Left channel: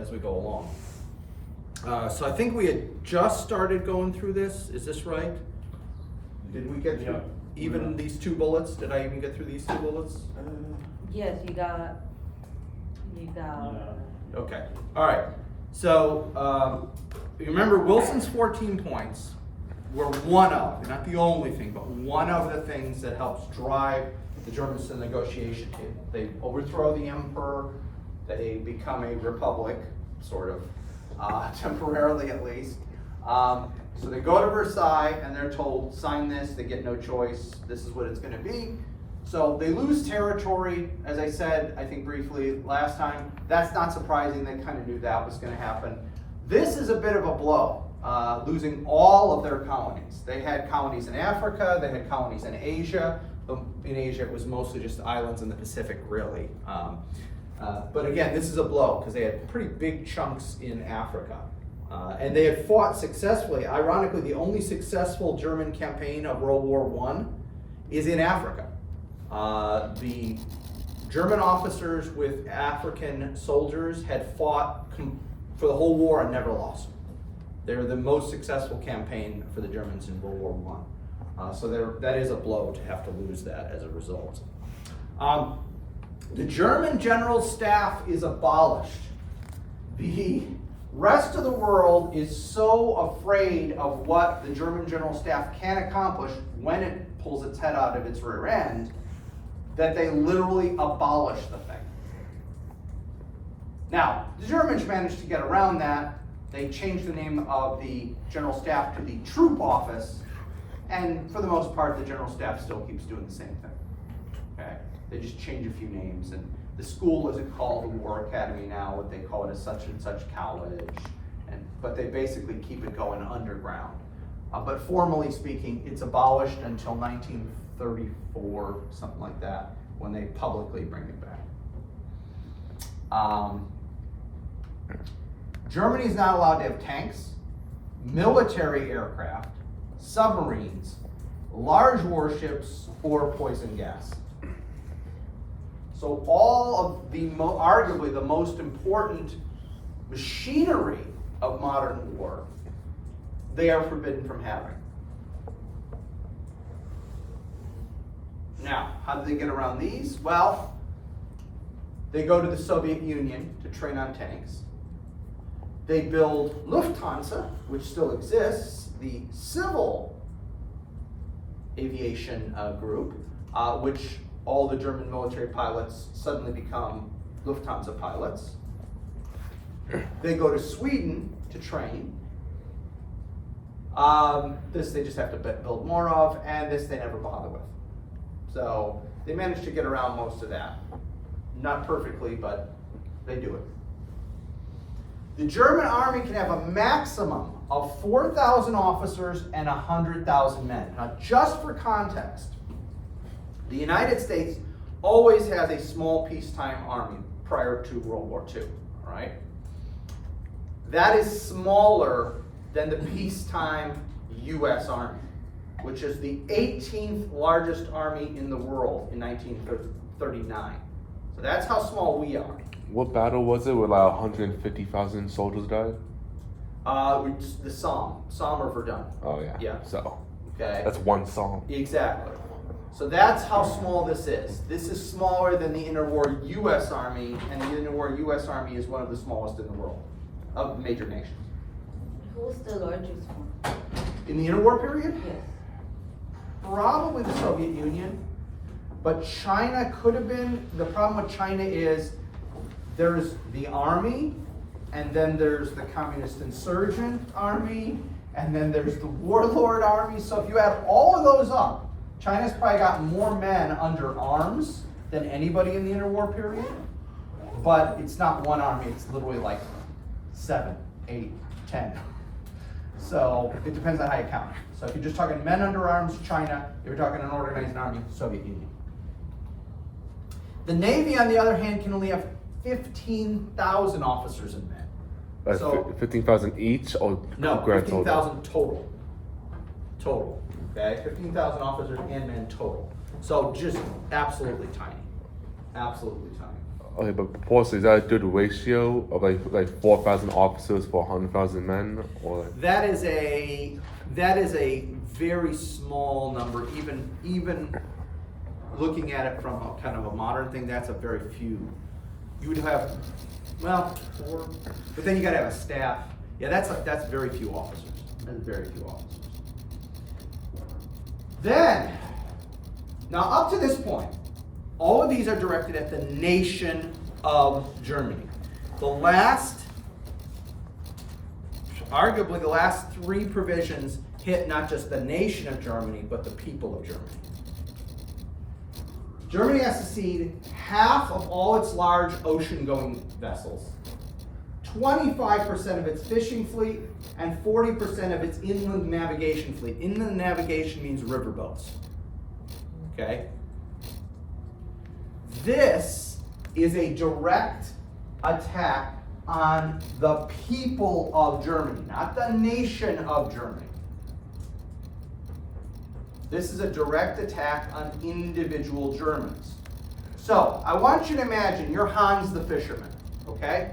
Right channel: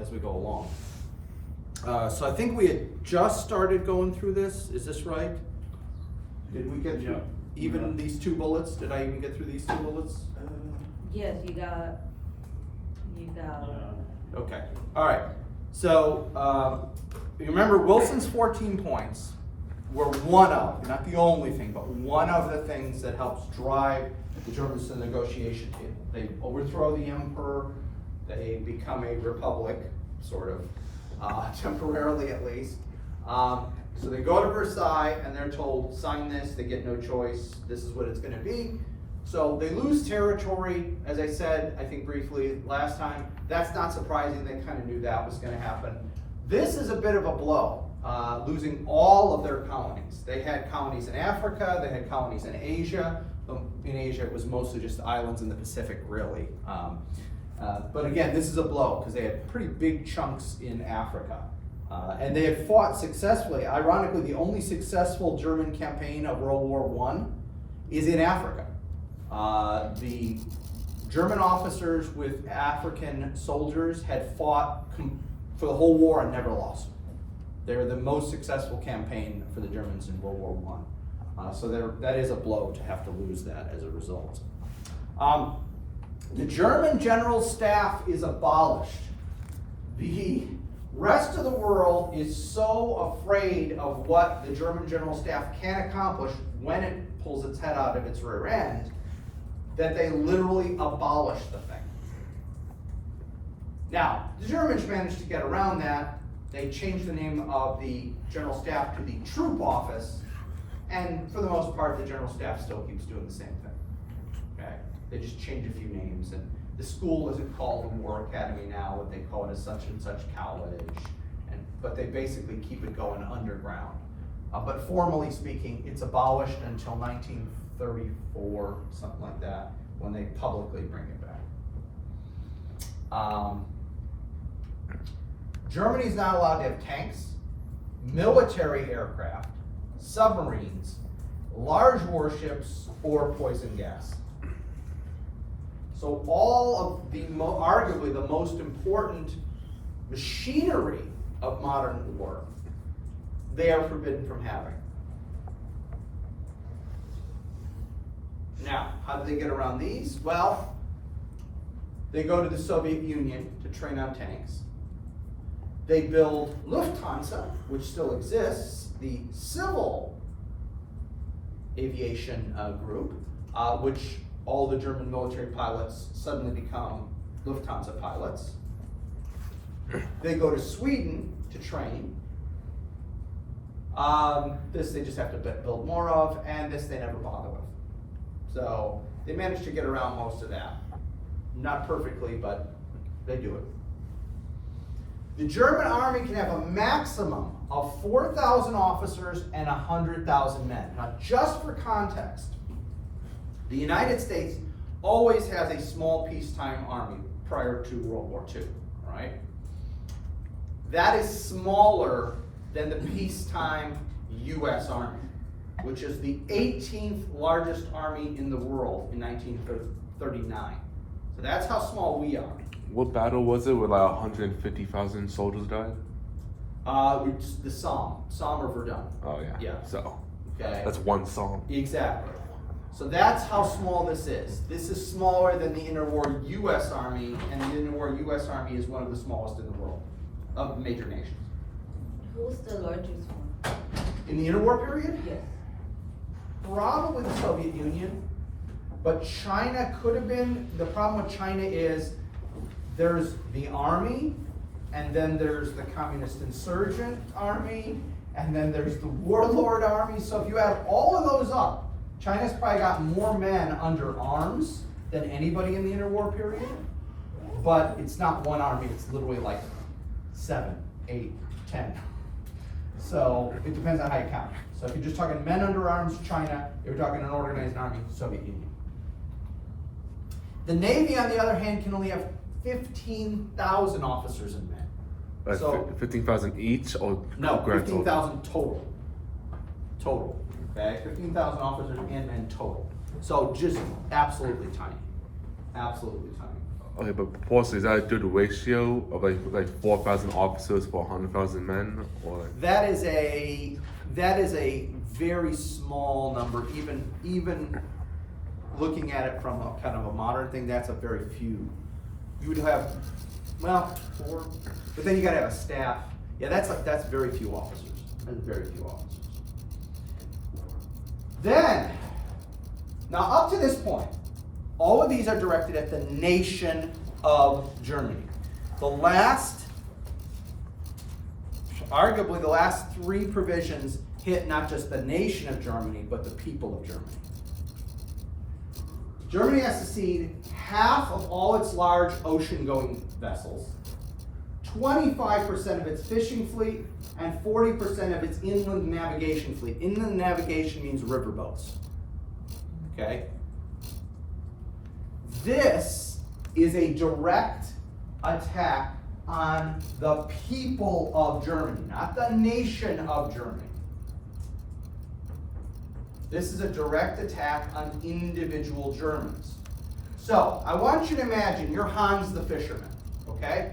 as we go along. So I think we had just started going through this. Is this right? Did we get through even these 2 bullets? Did I even get through these 2 bullets? Yes, you got. Okay, all right. So you remember Wilson's 14 points were one of, not the only thing, but one of the things that helps drive the Germans to the negotiation table. They overthrow the emperor, they become a republic, sort of, temporarily at least. So they go to Versailles and they're told, sign this, they get no choice, this is what it's gonna be. So they lose territory, as I said, I think briefly last time. That's not surprising, they kind of knew that was gonna happen. This is a bit of a blow, losing all of their colonies. They had colonies in Africa, they had colonies in Asia. In Asia, it was mostly just islands in the Pacific, really. But again, this is a blow, because they had pretty big chunks in Africa. And they had fought successfully. Ironically, the only successful German campaign of World War I is in Africa. The German officers with African soldiers had fought for the whole war and never lost. They were the most successful campaign for the Germans in World War I. So that is a blow to have to lose that as a result. The German general staff is abolished. The rest of the world is so afraid of what the German general staff can accomplish when it pulls its head out of its rear end that they literally abolish the thing. Now, the Germans managed to get around that. They changed the name of the general staff to the troop office, and for the most part, the general staff still keeps doing the same thing. Okay? They just change a few names, and the school isn't called the War Academy now. What they call it is such and such college, but they basically keep it going underground. But formally speaking, it's abolished until 1934, something like that, when they publicly bring it back. Germany is not allowed to have tanks, military aircraft, submarines, large warships, or poison gas. So all of the, arguably the most important machinery of modern war, they are forbidden from having. Now, how do they get around these? Well, they go to the Soviet Union to train on tanks. They build Lufthansa, which still exists, the civil aviation group, which all the German military pilots suddenly become Lufthansa pilots. They go to Sweden to train. This they just have to build more of, and this they never bother with. So they managed to get around most of that. Not perfectly, but they do it. The German army can have a maximum of 4,000 officers and 100,000 men. Now, just for context, the United States always has a small peacetime army prior to World War II, all right? That is smaller than the peacetime U.S. Army, which is the 18th largest army in the world in 1939. So that's how small we are. What battle was it where like 150,000 soldiers died? It's the Somme or Verdun. Oh yeah. Yeah. So okay. That's one Somme. Exactly. So that's how small this is. This is smaller than the interwar U.S. Army, and the interwar U.S. Army is one of the smallest in the world of major nations. Who's the largest one? In the interwar period? Yes. Probably the Soviet Union, but China could have been. The problem with China is there's the army, and then there's the communist insurgent army, and then there's the warlord army. So if you add all of those up, China's probably got more men under arms than anybody in the interwar period, but it's not one army, it's literally like 7, 8, 10. So it depends on how you count. So if you're just talking men under arms, China, you're talking an organized army, Soviet Union. The Navy, on the other hand, can only have 15,000 officers and men. So 15,000 each, or no, grand 15,000 total. Total. Okay, 15,000 officers and men total. So just absolutely tiny. Absolutely tiny. Okay, but proportion, is that a good ratio of like 4,000 officers for 100,000 men, or? That is a very small number, even looking at it from a kind of a modern thing, that's a very few. You would have, well, 4, but then you gotta have a staff. Yeah, that's very few officers. That's very few officers. Then, now up to this point, all of these are directed at the nation of Germany. Arguably the last 3 provisions hit not just the nation of Germany, but the people of Germany. Germany has to cede half of all its large ocean-going vessels, 25% of its fishing fleet, and 40% of its inland navigation fleet. Inland navigation means riverboats. Okay? This is a direct attack on the people of Germany, not the nation of Germany. This is a direct attack on individual Germans. So, I want you to imagine you're Hans the fisherman, okay?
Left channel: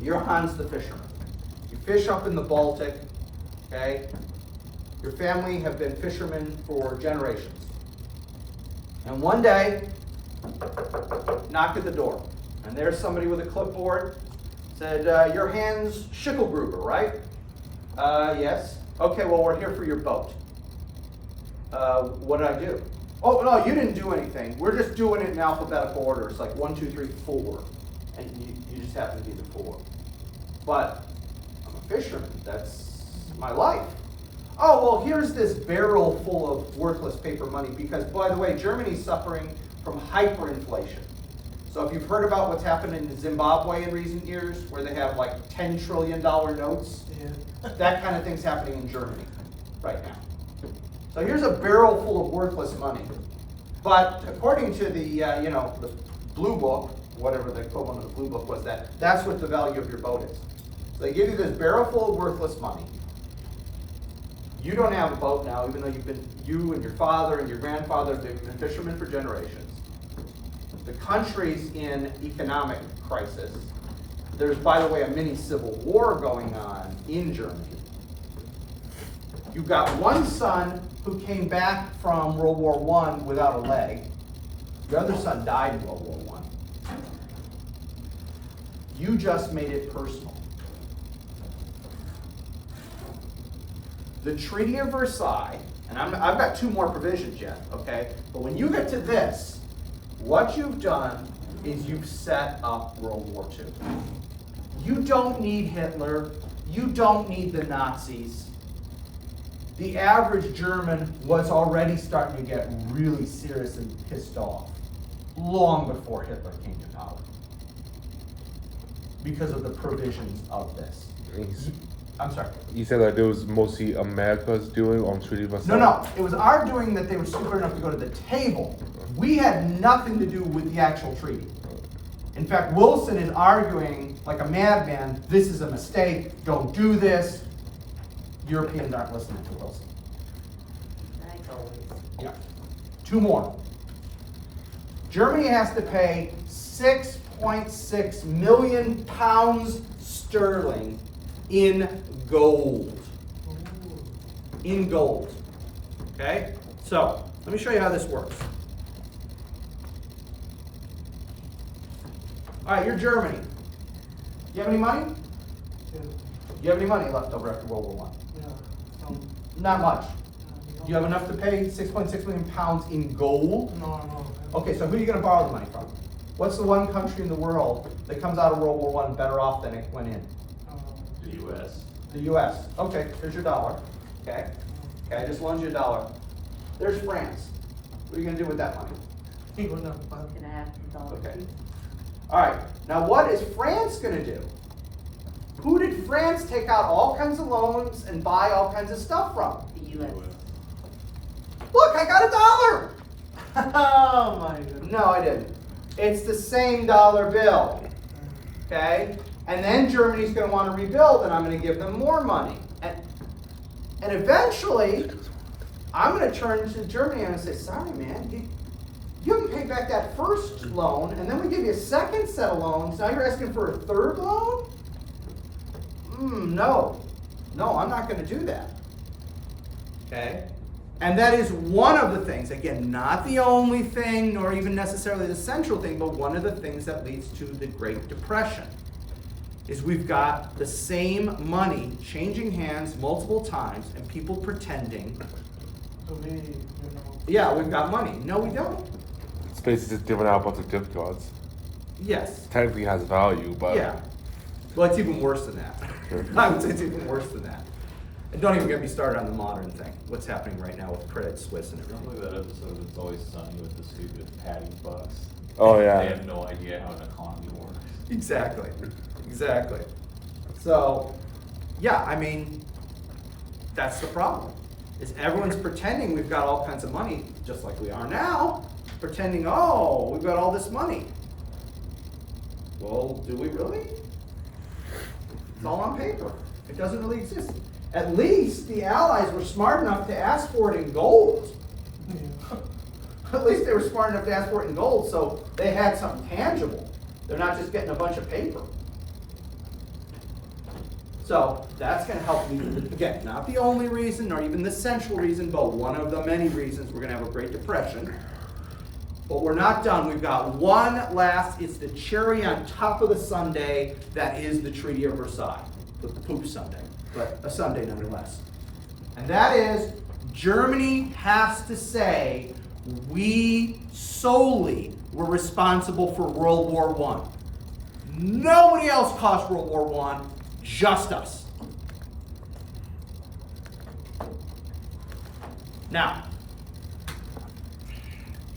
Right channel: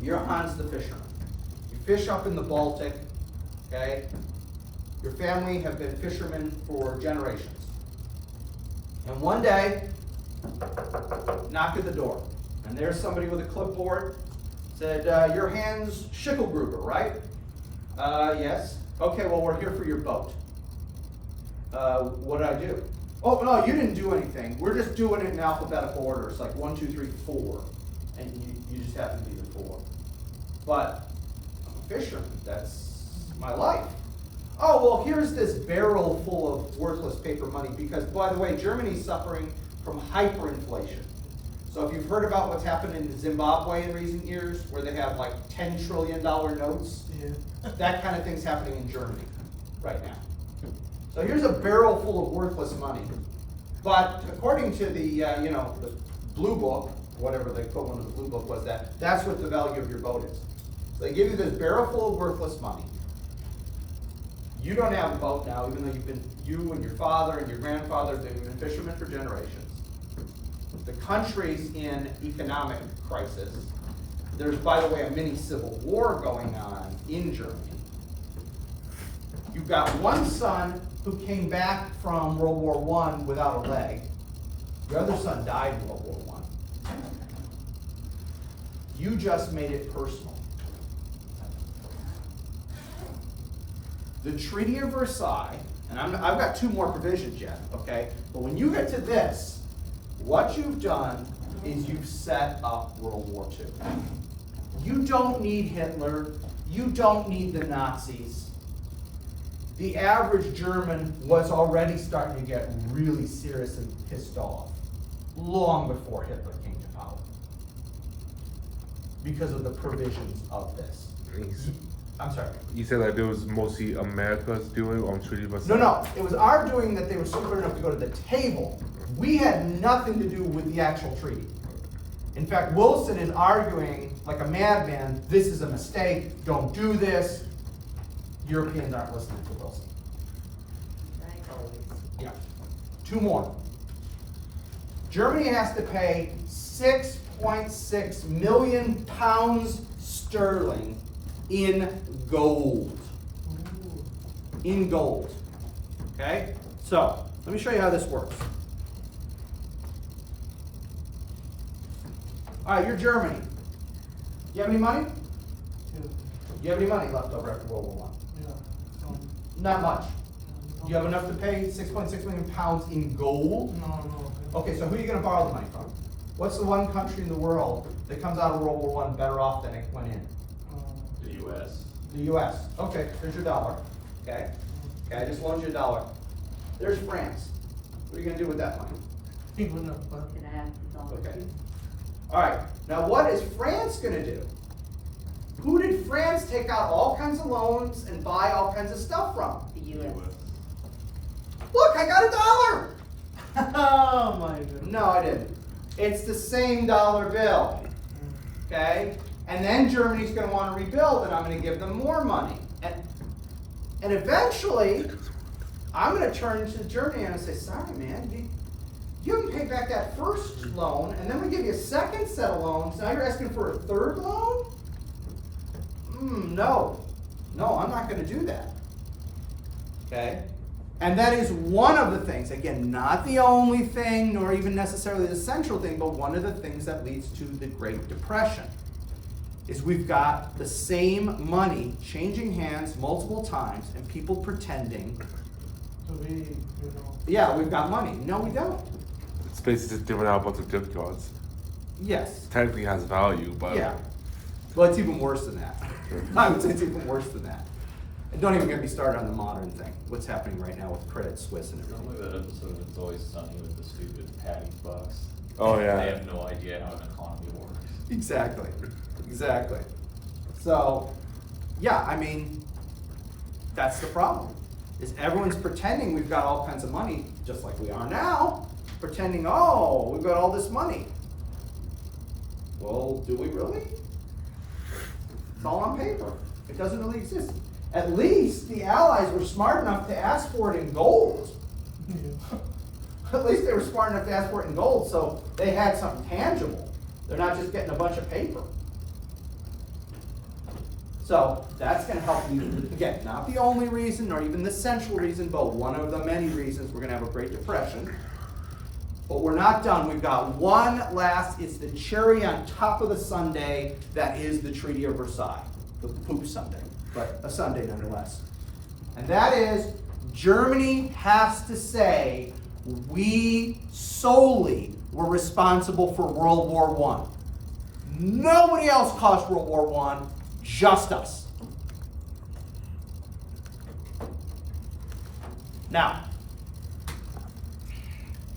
You're Hans the fisherman. You fish up in the Baltic, okay? Your family have been fishermen for generations. And one day, knocked at the door, and there's somebody with a clipboard, said, you're Hans Schickelgruber, right? Yes. Okay, well, we're here for your boat. What did I do? Oh, no, you didn't do anything. We're just doing it in alphabetical order. It's like 1, 2, 3, 4. And you just happen to be the 4. But I'm a fisherman. That's my life. Oh, well, here's this barrel full of worthless paper money because, by the way, Germany's suffering from hyperinflation. So if you've heard about what's happened in Zimbabwe in recent years, where they have like $10 trillion notes, that kind of thing's happening in Germany right now. So here's a barrel full of worthless money. But according to the, the Blue Book, whatever the equivalent of the Blue Book was, that's what the value of your boat is. So they give you this barrel full of worthless money. You don't have a boat now, even though you and your father and your grandfather, they've been fishermen for generations. The country's in economic crisis. There's, by the way, a mini civil war going on in Germany. You've got one son who came back from World War I without a leg. The other son died in World War I. You just made it personal. The Treaty of Versailles, and I've got 2 more provisions yet, okay? But when you get to this, what you've done is you've set up World War II. You don't need Hitler. You don't need the Nazis. The average German was already starting to get really seriously pissed off long before Hitler came to power because of the provisions of this. I'm sorry. You said that it was mostly America's doing on Treaty of Versailles? No. It was our doing that they were stupid enough to go to the table. We had nothing to do with the actual treaty. In fact, Wilson is arguing like a madman, this is a mistake, don't do this. Europeans aren't listening to Wilson. Like always. Yeah. 2 more. Germany has to pay 6.6 million pounds sterling in gold. In gold. Okay? So, let me show you how this works. All right, you're Germany. You have any money? Yeah. Do you have any money left over after World War I? Yeah. Not much. Do you have enough to pay 6.6 million pounds in gold? No. Okay, so who are you going to borrow the money from? What's the one country in the world that comes out of World War I better off than it went in? The U.S. The U.S. Okay, here's your dollar. Okay, I just loaned you $1. There's France. What are you going to do with that money? Even up, Can I have the dollar? Okay. All right, now what is France going to do? Who did France take out all kinds of loans and buy all kinds of stuff from? The U.S. Look, I got $1. Oh my God. No, I didn't. It's the same dollar bill. Okay? And then Germany's going to want to rebuild, and I'm going to give them more money. And eventually, I'm going to turn to Germany and say, sorry, man, You haven't paid back that first loan, and then we give you a second set of loans, now you're asking for a third loan? No. No, I'm not gonna do that. Okay? And that is one of the things, again, not the only thing, nor even necessarily the central thing, but one of the things that leads to the Great Depression, is we've got the same money changing hands multiple times, and people pretending, To be, you know. yeah, we've got money. No, we don't. It's basically just giving out a bunch of gift cards. Yes. Technically has value, but Yeah. Well, it's even worse than that. I would say it's even worse than that. And don't even get me started on the modern thing, what's happening right now with Credit Suisse and Sounds everything. like that episode of It's Always Sunny with the stupid Patty Bucks. Oh, yeah. They have no idea how an economy works. Exactly. Exactly. So, yeah, I mean, that's the problem. Is everyone's pretending we've got all kinds of money, just like we are now, pretending, oh, we've got all this money. Well, do we really? It's all on paper. It doesn't really exist. At least the Allies were smart enough to ask for it in gold. Yeah. At least they were smart enough to ask for it in gold, so they had something tangible. They're not just getting a bunch of paper. So that's going to help lead, again, not the only reason, nor even the central reason, but one of the many reasons we're going to have a Great Depression. But we're not done. We've got one last, it's the cherry on top of the sundae, that is the Treaty of Versailles. The poop sundae, but a sundae nonetheless. And that is, Germany has to say, we solely were responsible for World War I. Nobody else caused World War I, just us. Now,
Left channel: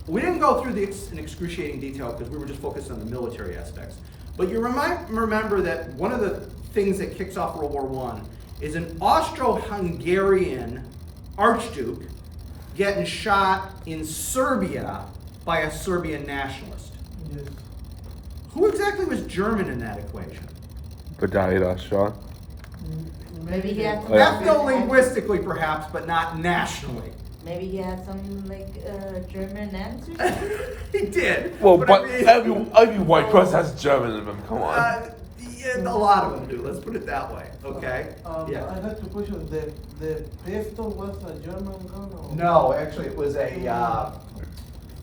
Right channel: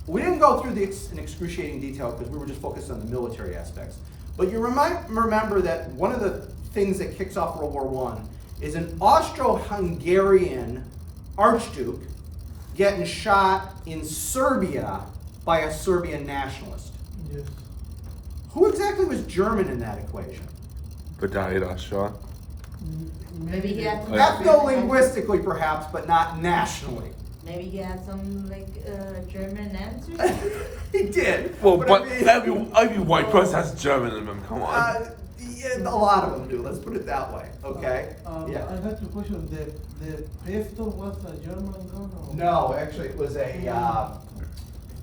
we didn't go through this in excruciating detail because we were just focused on the military aspects. But you remember that one of the things that kicks off World War I is an Austro-Hungarian archduke getting shot in Serbia by a Serbian nationalist. Yes. Who exactly was German in that equation? the guy got shot. Maybe he had some. Ethno-linguistically perhaps, but not nationally. Maybe he had some like German answers. He did. Well, but but I mean, every white person has German in them. Come on. yeah, a lot of them do. Let's put it that way. Okay. Yeah. I had to question, the pistol was a German gun or? No, actually, it was a. I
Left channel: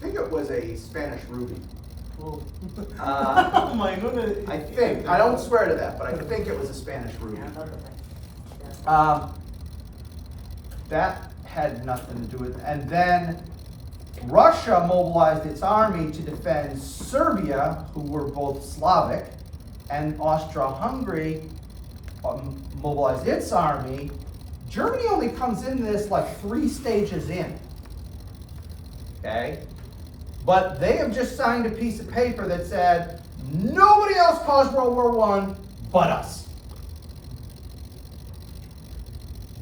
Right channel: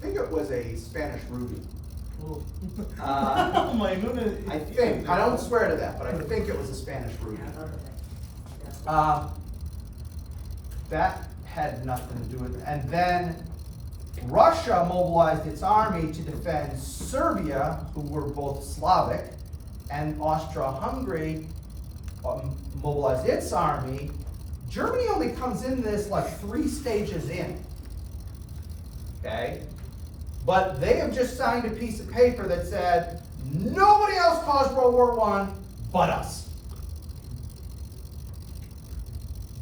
think it was a Spanish ruby. Oh. Uh, Oh my goodness. I think. I don't swear to that, but I think it was a Spanish ruby. That had nothing to do with it. And then Russia mobilized its army to defend Serbia, who were both Slavic, and Austria-Hungary mobilized its army. Germany only comes into this like 3 stages in. Okay? But they have just signed a piece of paper that said, nobody else caused World War I but us.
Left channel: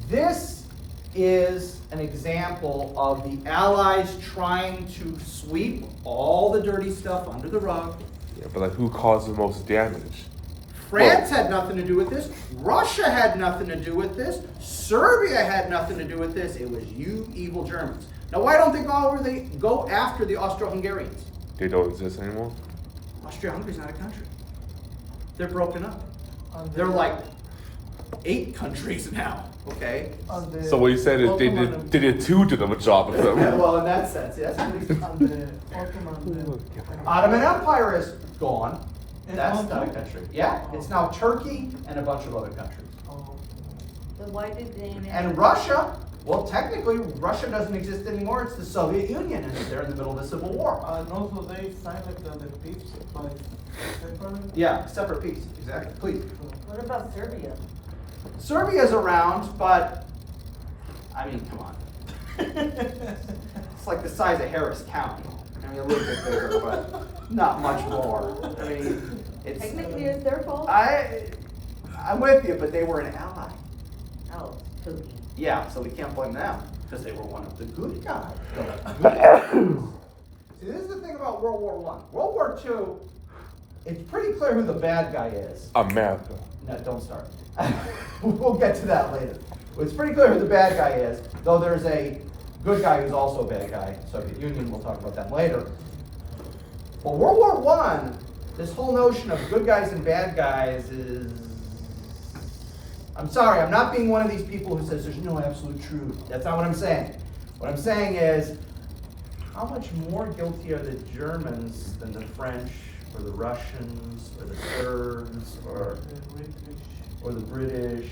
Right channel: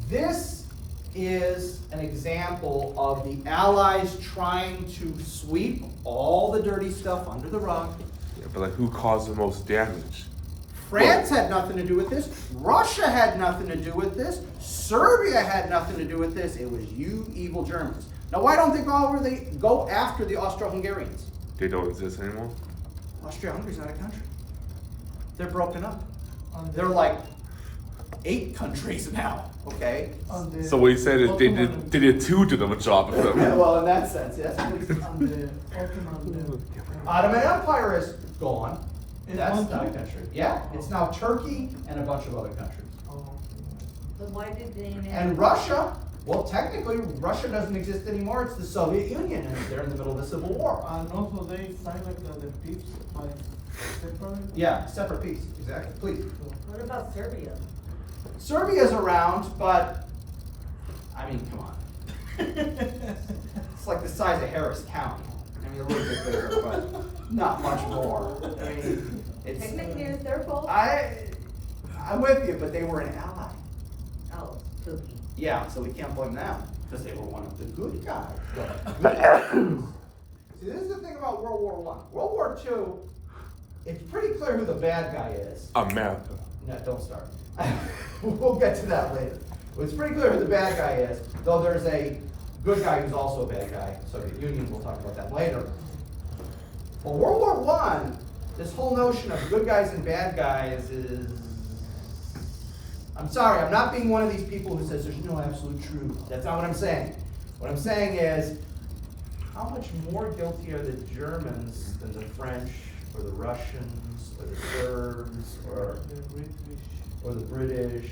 This is an example of the Allies trying to sweep all the dirty stuff under the rug. Yeah, but like, who caused the most damage? France had nothing to do with this. Russia had nothing to do with this. Serbia had nothing to do with this. It was you evil Germans. Now, why don't they go after the Austro-Hungarians? They don't exist anymore. Austria-Hungary's not a country. They're broken up. And They're like 8 countries now, okay? and the So what he said is Ottoman- they did too good of a job of them. Yeah, well, in that sense, yes. and the Ottoman. Ottoman Empire is gone. It's That's gone not a too? country. Yeah, it's now Turkey and a bunch of other countries. Oh. But why did they? And Russia, well, technically, Russia doesn't exist anymore. It's the Soviet Union, and they're in the middle of a civil war. And also they signed like the peace by separate. Yeah, separate peace, exactly. Please. What about Serbia? Serbia's around, but, I mean, come on. It's like the size of Harris County. I mean, a little bit bigger, but not much more. I mean, it's. Technically, it's their fault. I'm with you, but they were an ally. Oh, spooky. Yeah, so we can't blame them, because they were one of the good guys. See, this is the thing about World War I. World War II, it's pretty clear who the bad guy is. America. No, don't start. We'll get to that later. But it's pretty clear who the bad guy is, though there's a good guy who's also a bad guy. Soviet Union, we'll talk about them later. Well, World War One, this whole notion of good guys and bad guys is, I'm sorry, I'm not being one of these people who says there's no absolute truth. That's not what I'm saying. What I'm saying is, how much more guilty are the Germans than the French, or the Russians, or the Serbs, or the British?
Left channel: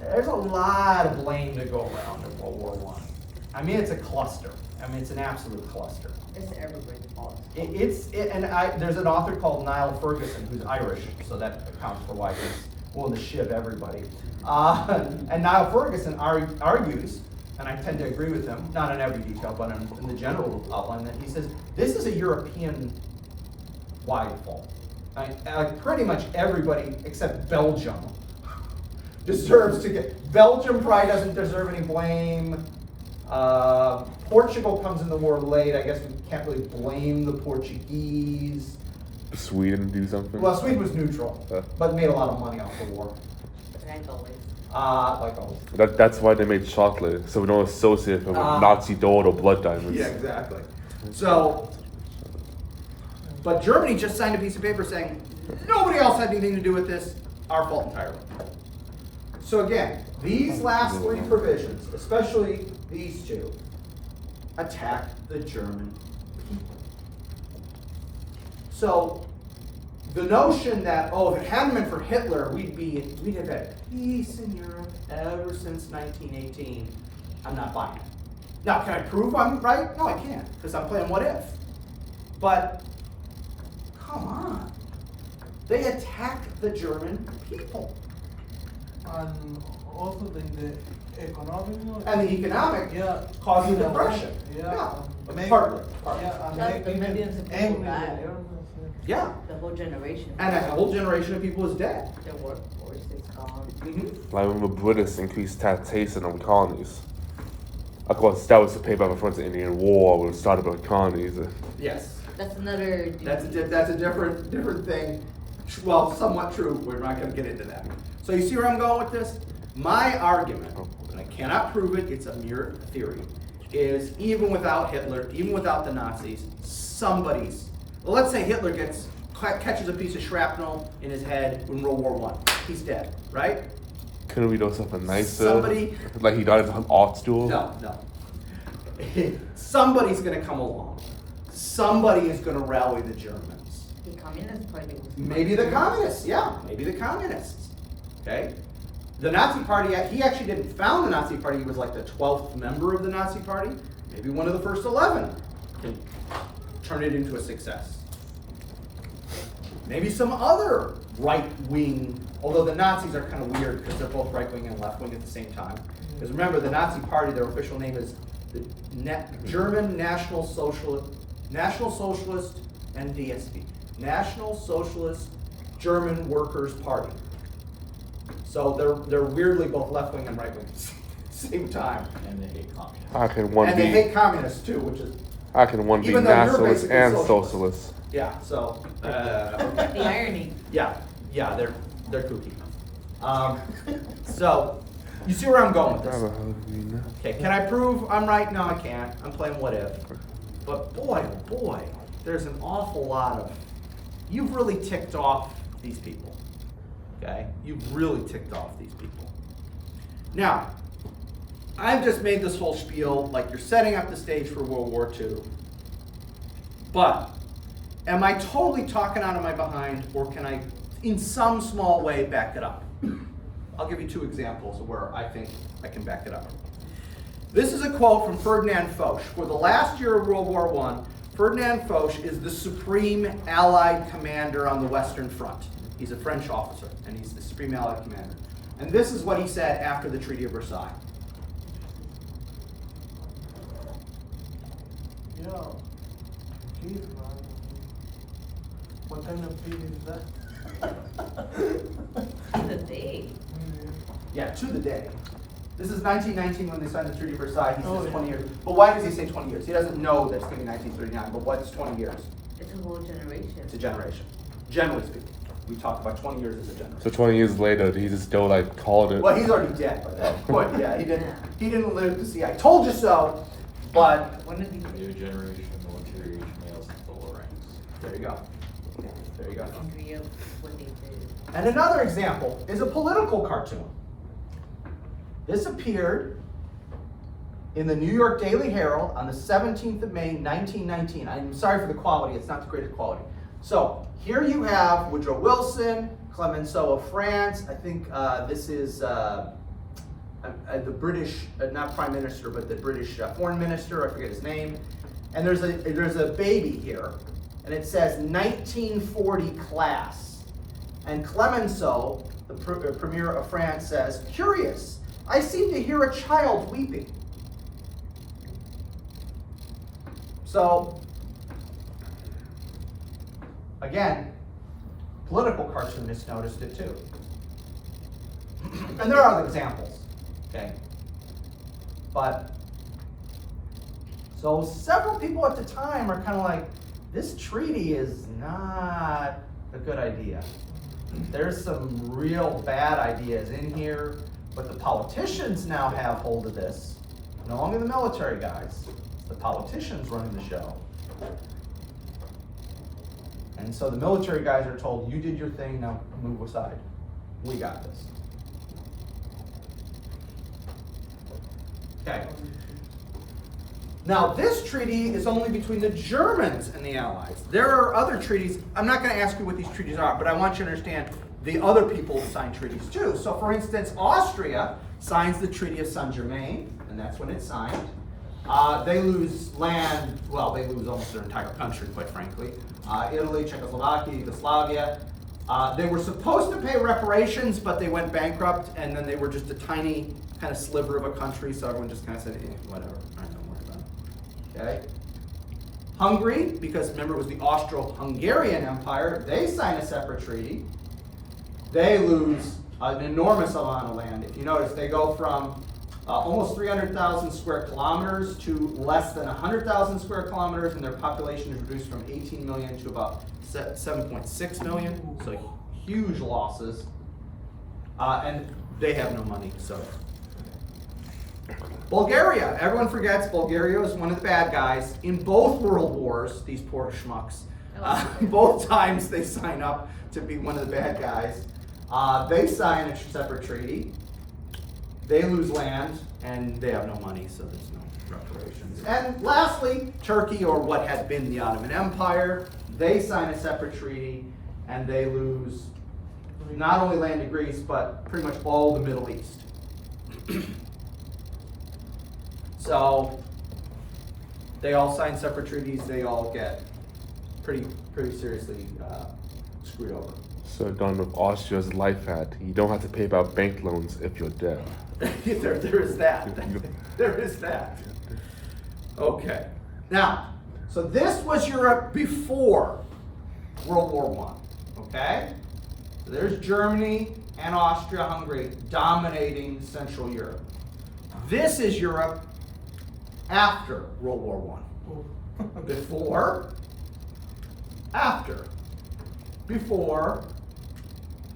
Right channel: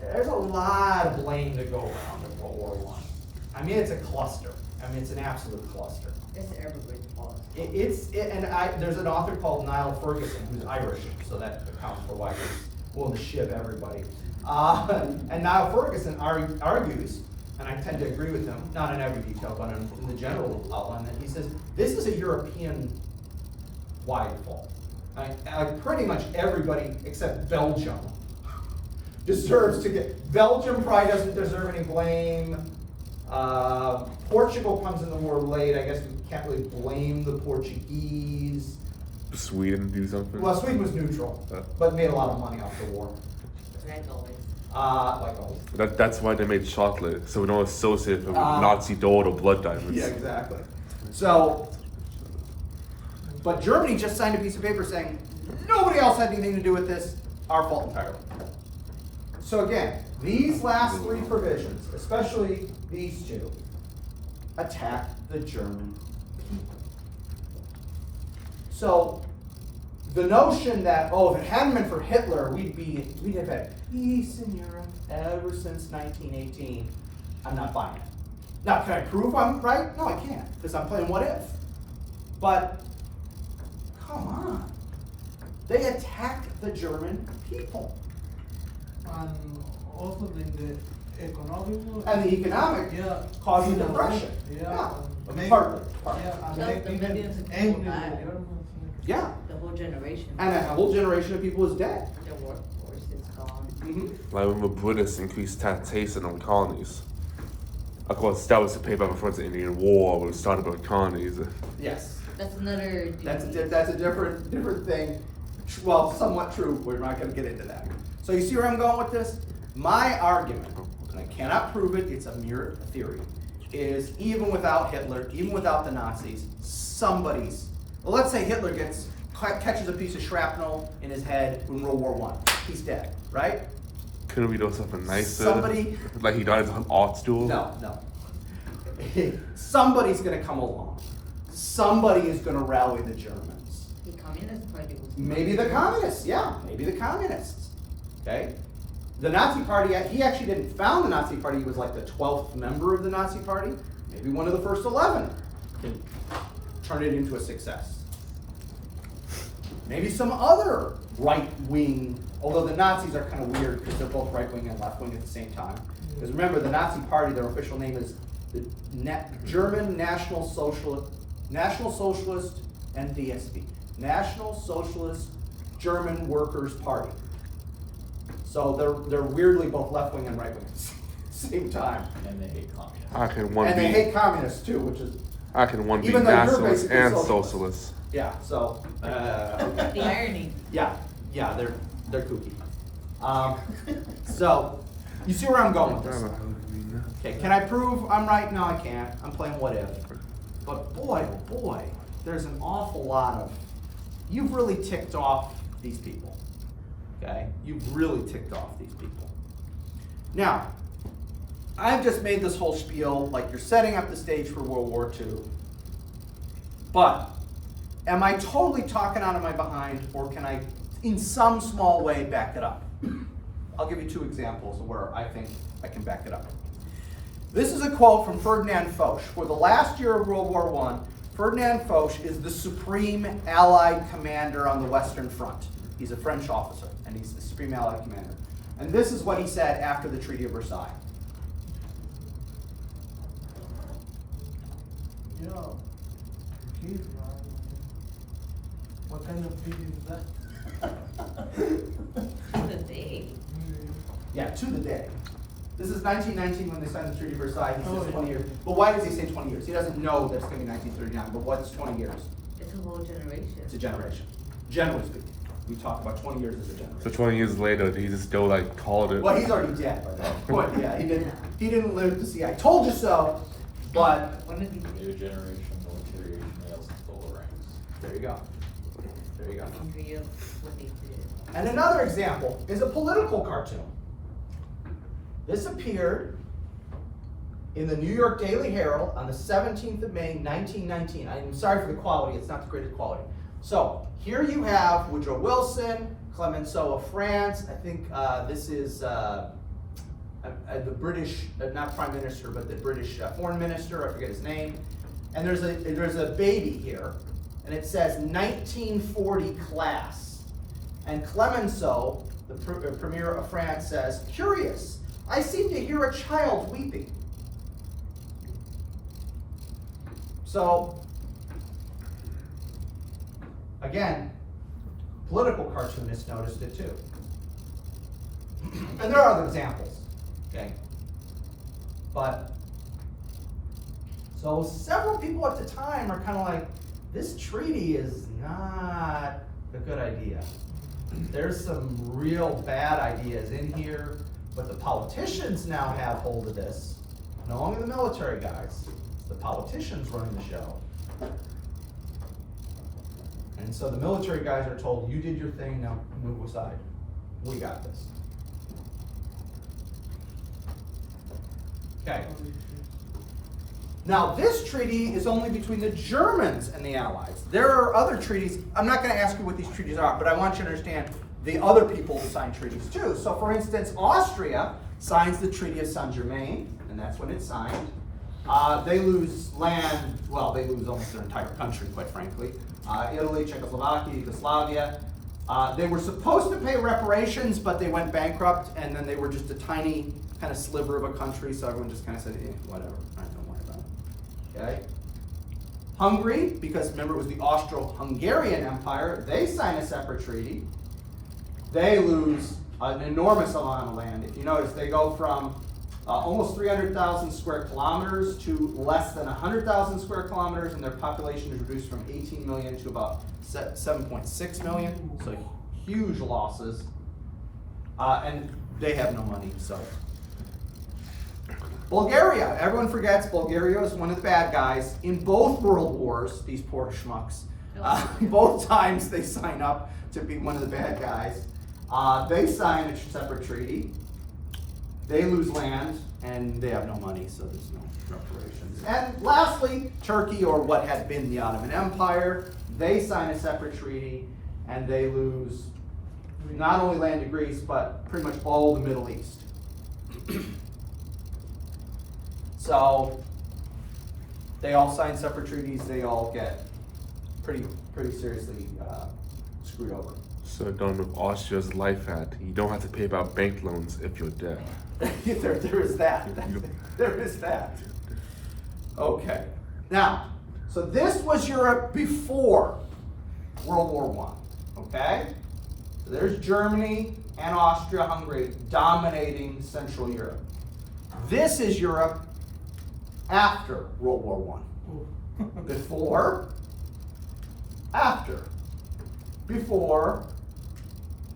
There's a lot of blame to go around in World War One. I mean, it's a cluster. I mean, it's an absolute cluster. It's everybody's fault. There's an author called Niall Ferguson who's Irish, so that accounts for why he's willing to shiv everybody. And Niall Ferguson argues, and I tend to agree with him, not in every detail, but in the general outline, that he says this is a European-wide fault. Like pretty much everybody except Belgium deserves to get. Belgium probably doesn't deserve any blame. Portugal comes in the war late. I guess we can't really blame the Portuguese. Sweden do something? Well, Sweden was neutral, but made a lot of money off the war. Like always. Like always. That's why they made chocolate, so we don't associate it with Nazi dough or blood diamonds. Yeah, exactly. So, but Germany just signed a piece of paper saying nobody else had anything to do with this. Our fault entirely. So again, these last three provisions, especially these two, attack the German people. So the notion that, oh, if it hadn't been for Hitler, we'd have had peace in Europe ever since 1918, I'm not buying it. Now, can I prove I'm right? No, I can't, because I'm playing what if. But come on. They attacked the German people. And also the economic. And the economic caused the depression. Partly. Millions of people Angry died. with Germans. Yeah. The whole generation. And a whole generation of people is dead. The workforce is gone. Mm-hmm. Like when the British increased taxation on colonies. Of course, that was to pay back the first Indian War when it started by colonies. Yes. That's another. That's a different thing. Well, somewhat true. We're not going to get into that. So you see where I'm going with this? My argument, and I cannot prove it, it's a mere theory, is even without Hitler, even without the Nazis, let's say Hitler catches a piece of shrapnel in his head in World War I. He's dead, right? Couldn't we do something nicer? Somebody- Like he got his art stool? No. Somebody's going to come along. Somebody is going to rally the Germans. The Communist Party was. Maybe the communists, maybe the communists. Okay? The Nazi Party, he actually didn't found the Nazi Party, he was like the 12th member of the Nazi Party. Maybe one of the first 11 can turn it into a success. Maybe some other right-wing, although the Nazis are kind of weird because they're both right-wing and left-wing at the same time. Because remember, the Nazi Party, their official name is the German National Socialist NDSP. National Socialist German Workers' Party. So they're weirdly both left-wing and right-wing at the same time. And they hate communists. How can one And be? they hate communists too, which is, How can one be even though you're nationalist basically and socialist. socialist? yeah, so, okay. The irony. Yeah, they're kooky. So, you see where I'm going with this? Okay, can I prove I'm right? No, I can't. I'm playing what if. But boy, oh boy, there's an awful lot of, you've really ticked off these people. Okay? You've really ticked off these people. Now, I've just made this whole spiel like you're setting up the stage for World War II. But, am I totally talking out of my behind, or can I, in some small way, back it up? I'll give you two examples of where I think I can back it up. This is a quote from Ferdinand Foch. For the last year of World War I, Ferdinand Foch is the supreme Allied commander on the Western Front. He's a French officer, and he's the supreme Allied commander. And this is what he said after the Treaty of Versailles. Yeah. Keith, man. What kind of feeling is that? The day. Yeah, to the day. This is 1919 when they signed the Treaty of Versailles. He says Oh, yeah. 20 years. But why does he say 20 years? He doesn't know that's going to be 1939, but what's 20 years? It's a whole generation. It's a generation. Generally speaking. We talk about 20 years as a generation. So 20 years later, he just still like called it. Well, he's already dead by that point. Yeah, he didn't live to see. I told you so. But One of these. New generation military males in full ranks. there you go. There you go. Hungry of what they did. And another example is a political cartoon. This appeared in the New York Daily Herald on the 17th of May, 1919. I'm sorry for the quality, it's not the greatest quality. So here you have Woodrow Wilson, Clemenceau of France. I think this is the British, not Prime Minister, but the British Foreign Minister, I forget his name. And there's a baby here, and it says 1940 class. And Clemenceau, the Premier of France, says, "Curious, I seem to hear a child weeping." So, again, political cartoonists noticed it too. And there are other examples, okay? But, so several people at the time are kind of like, this treaty is not a good idea. There's some real bad ideas in here, but the politicians now have hold of this. No longer the military guys. The politicians running the show. And so the military guys are told, you did your thing, now move aside. We got this. Okay. Now this treaty is only between the Germans and the Allies. There are other treaties. I'm not going to ask you what these treaties are, but I want you to understand the other people sign treaties too. So for instance, Austria signs the Treaty of Saint-Germain, and that's when it's signed. They lose land, well, they lose almost their entire country, quite frankly. Italy, Czechoslovakia, Yugoslavia. They were supposed to pay reparations, but they went bankrupt, and then they were just a tiny kind of sliver of a country, so everyone just kind of said, whatever, all right, don't worry about it. Okay? Hungary, because remember it was the Austro-Hungarian Empire, they sign a separate treaty. They lose an enormous amount of land. If you notice, they go from almost 300,000 square kilometers to less than 100,000 square kilometers, and their population is reduced from 18 million to about 7.6 million, so huge losses. And they have no money, so. Bulgaria, everyone forgets Bulgaria is one of the bad guys. In both world wars, these poor schmucks, both times they sign up to be one of the bad guys. They sign a separate treaty. They lose land, and they have no money, so there's no reparations. And lastly, Turkey, or what had been the Ottoman Empire, they sign a separate treaty, and they lose not only land to Greece, but pretty much all the Middle East. So, they all sign separate treaties, they all get pretty seriously screwed over. So done with Austria's life hat, you don't have to pay back bank loans if you're dead. there is that. There is that. Okay. Now, so this was Europe before World War I. Okay? So there's Germany and Austria-Hungary dominating Central Europe. This is Europe after World War I. Before, after. Before,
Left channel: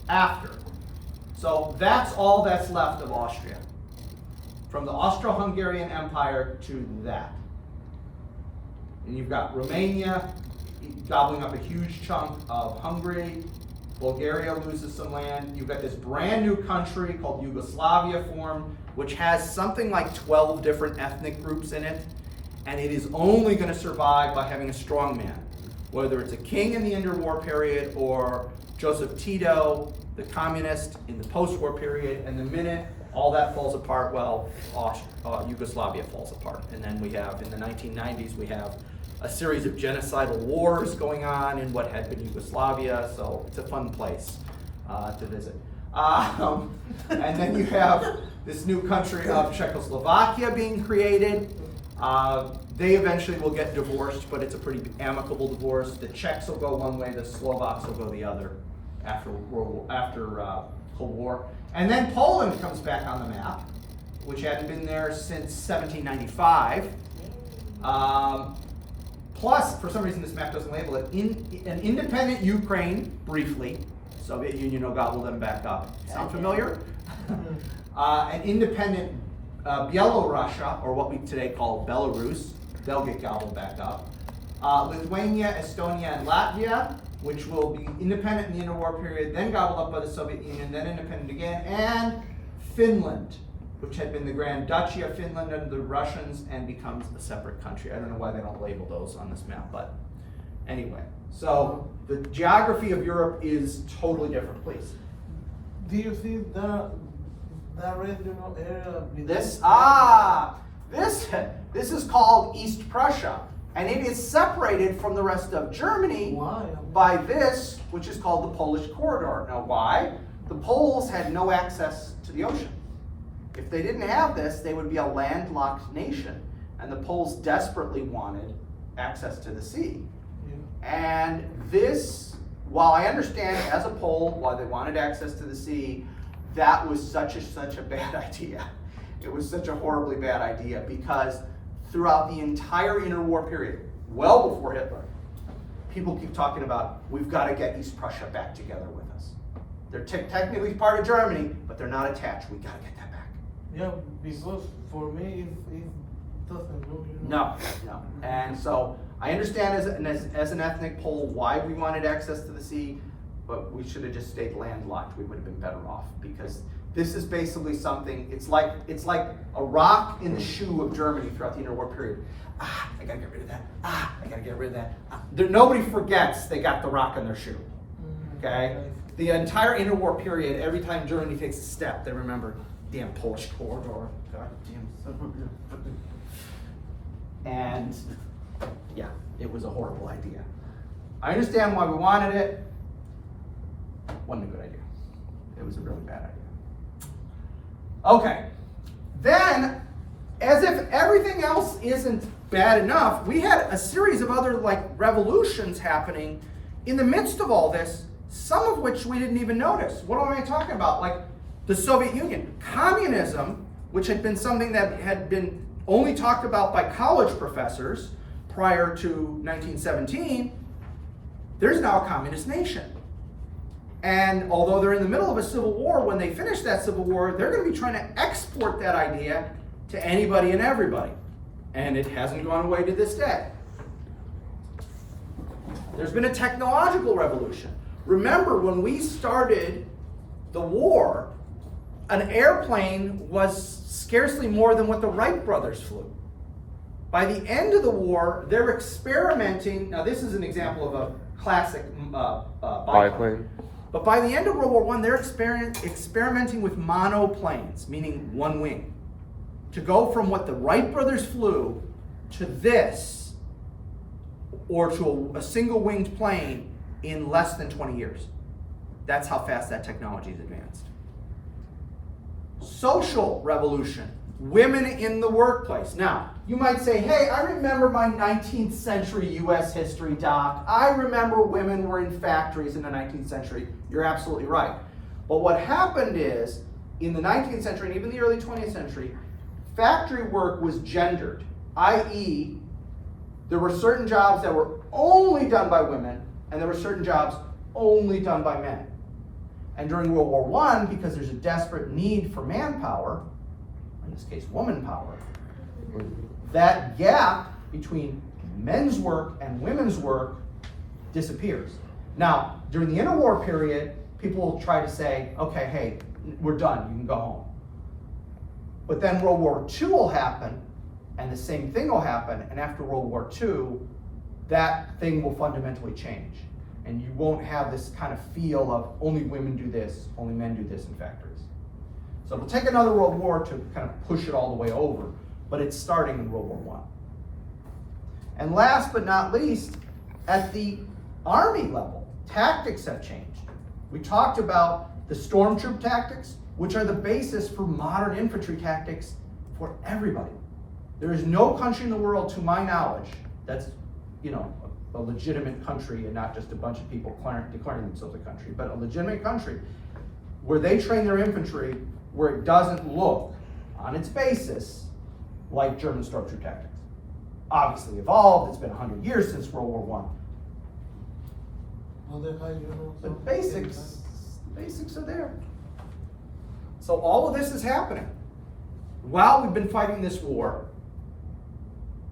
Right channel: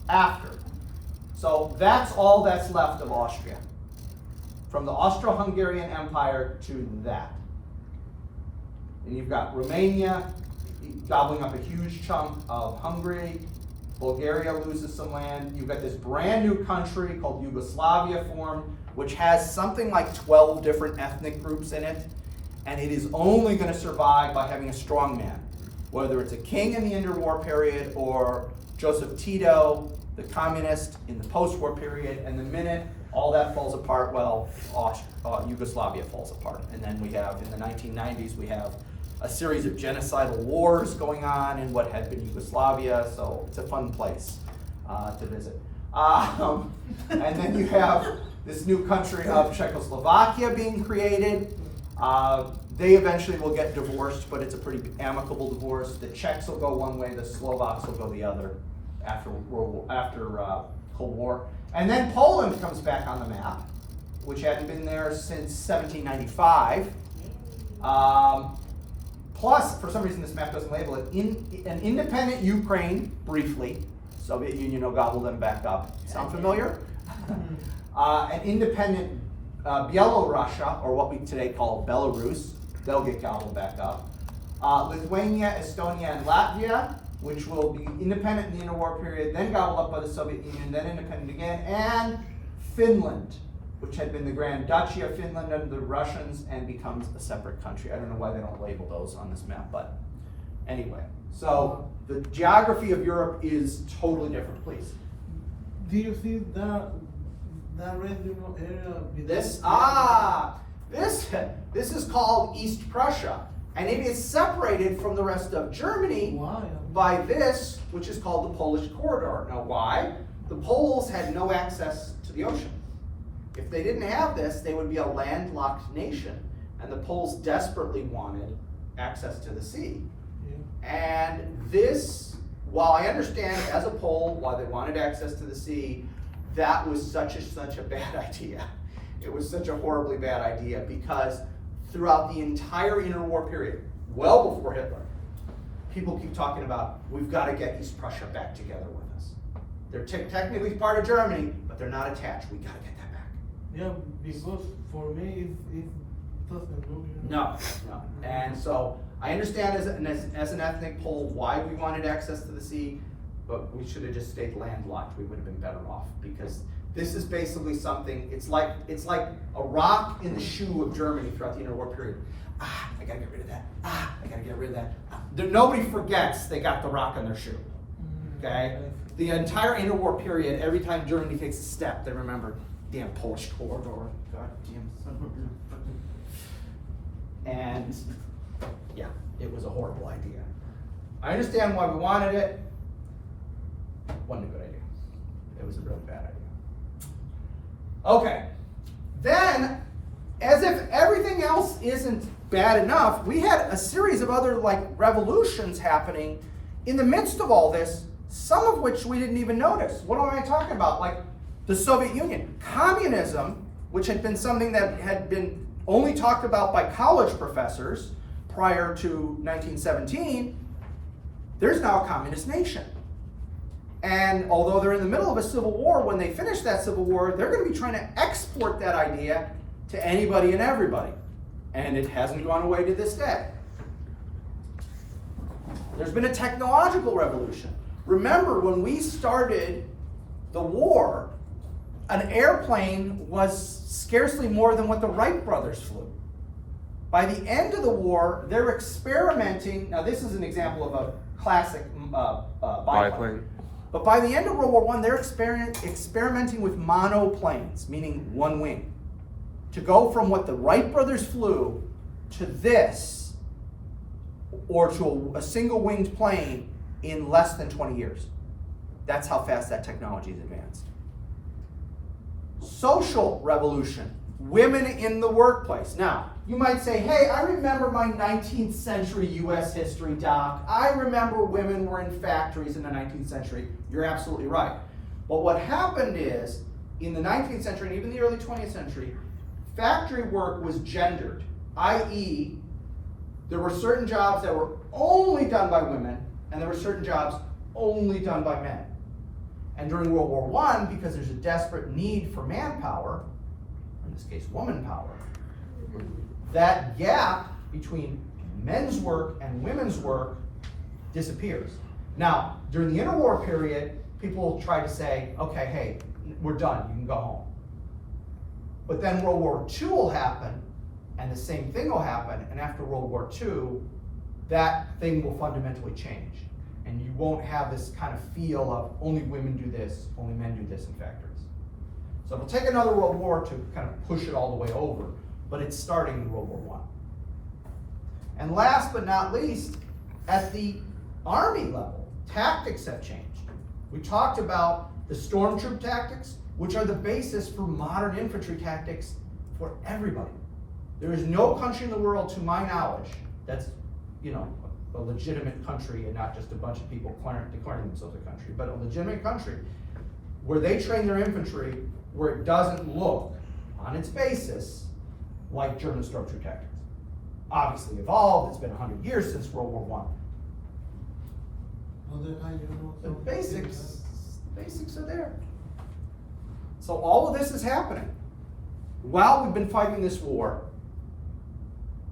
after. So that's all that's left of Austria. From the Austro-Hungarian Empire to that. And you've got Romania gobbling up a huge chunk of Hungary. Bulgaria loses some land. You've got this brand new country called Yugoslavia formed, which has something like 12 different ethnic groups in it. And it is only going to survive by having a strong man. Whether it's a king in the interwar period or Joseph Tito, the communist in the post-war period, and the minute all that falls apart, well, Yugoslavia falls apart. And then we have, in the 1990s, we have a series of genocidal wars going on in what had been Yugoslavia, so it's a fun place to visit. And then you have this new country of Czechoslovakia being created. They eventually will get divorced, but it's a pretty amicable divorce. The Czechs will go one way, the Slovaks will go the other after Cold War. And then Poland comes back on the map, which hadn't been there since 1795. Plus, for some reason this map doesn't label it, an independent Ukraine, briefly. Soviet Union will gobble them back up. Sound familiar? An independent Byelorussia, or what we today call Belarus, they'll get gobbled back up. Lithuania, Estonia, and Latvia, which will be independent in the interwar period, then gobbled up by the Soviet Union, then independent again, and Finland, which had been the Grand Duchy of Finland under the Russians and becomes a separate country. I don't know why they don't label those on this map, but anyway. So the geography of Europe is totally different, please. Do you see that regional area? This is called East Prussia, and it is separated from the rest of Germany Why? by this, which is called the Polish corridor. Now, why? The Poles had no access to the ocean. If they didn't have this, they would be a landlocked nation, and the Poles desperately wanted access to the sea. Yeah. And this, while I understand as a Pole why they wanted access to the sea, that was such a bad idea. It was such a horribly bad idea because throughout the entire interwar period, well before Hitler, people keep talking about, we've got to get East Prussia back together with us. They're technically part of Germany, but they're not attached. We got to get that back. Yeah, because for me, it doesn't go. No. And so I understand as an ethnic Pole why we wanted access to the sea, but we should have just stayed landlocked. We would have been better off because this is basically something. It's like a rock in the shoe of Germany throughout the interwar period. I gotta get rid of that. I gotta get rid of that. Nobody forgets they got the rock in their shoe. Okay. The entire interwar period, every time Germany takes a step, they remember, damn Polish corridor, goddamn son of a. And yeah, it was a horrible idea. I understand why we wanted it. Wasn't a good idea. It was a really bad idea. Okay, then, as if everything else isn't bad enough, we had a series of other revolutions happening in the midst of all this, some of which we didn't even notice. What am I talking about? Like the Soviet Union. Communism, which had been something that had been only talked about by college professors prior to 1917, there's now a communist nation. And although they're in the middle of a civil war, when they finish that civil war, they're going to be trying to export that idea to anybody and everybody. And it hasn't gone away to this day. There's been a technological revolution. Remember, when we started the war, an airplane was scarcely more than what the Wright brothers flew. By the end of the war, they're experimenting. Now, this is an example of a classic biplane. But by the end of World War I, they're experimenting with monoplanes, meaning one wing. To go from what the Wright brothers flew to this, or to a single-winged plane in less than 20 years. That's how fast that technology is advanced. Social revolution. Women in the workplace. Now, you might say, hey, I remember my 19th century US history, Doc. I remember women were in factories in the 19th century. You're absolutely right. But what happened is, in the 19th century and even the early 20th century, factory work was gendered, i.e., there were certain jobs that were only done by women, and there were certain jobs only done by men. And during World War I, because there's a desperate need for manpower, in this case woman power, that gap between men's work and women's work disappears. Now, during the interwar period, people will try to say, okay, hey, we're done, you can go home. But then World War II will happen, and the same thing will happen, and after World War II, that thing will fundamentally change. And you won't have this kind of feel of only women do this, only men do this in factories. So it'll take another world war to kind of push it all the way over, but it's starting in World War I. And last but not least, at the Army level, tactics have changed. We talked about the storm troop tactics, which are the basis for modern infantry tactics for everybody. There is no country in the world, to my knowledge, that's, a legitimate country and not just a bunch of people declaring themselves a country, but a legitimate country where they train their infantry where it doesn't look, on its basis, like German storm troop tactics. Obviously evolved, it's been 100 years since World War I. The basics are there. So all of this is happening. while we've been fighting this war,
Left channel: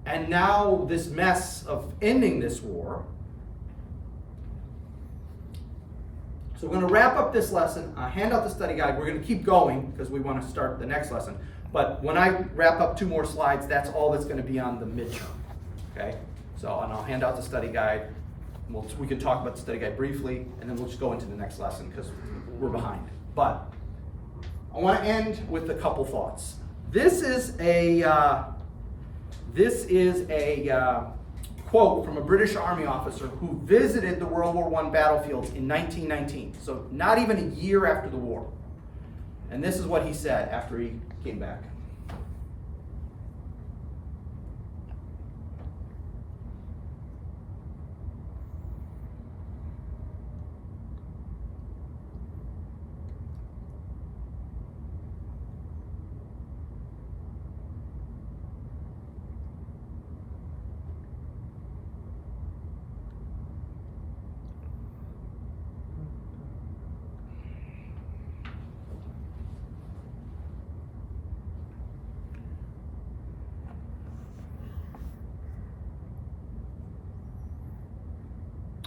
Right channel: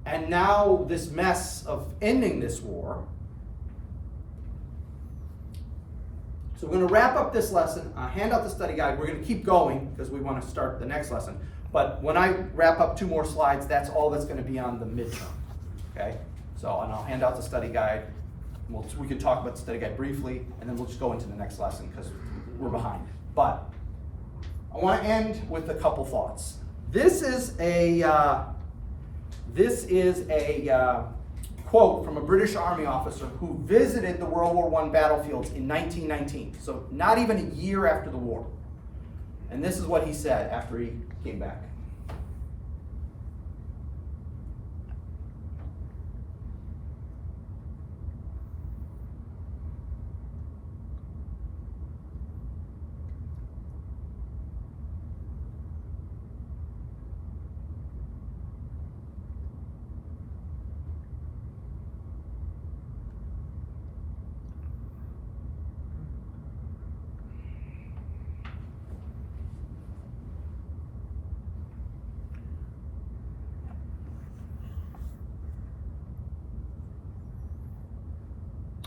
and now this mess of ending this war, so we're going to wrap up this lesson, hand out the study guide. We're going to keep going because we want to start the next lesson. But when I wrap up 2 more slides, that's all that's going to be on the midterm. Okay? So, and I'll hand out the study guide. We can talk about the study guide briefly, and then we'll just go into the next lesson because we're behind. But I want to end with a couple thoughts. This is a quote from a British Army officer who visited the World War I battlefields in 1919, so not even a year after the war. And this is what he said after he came back.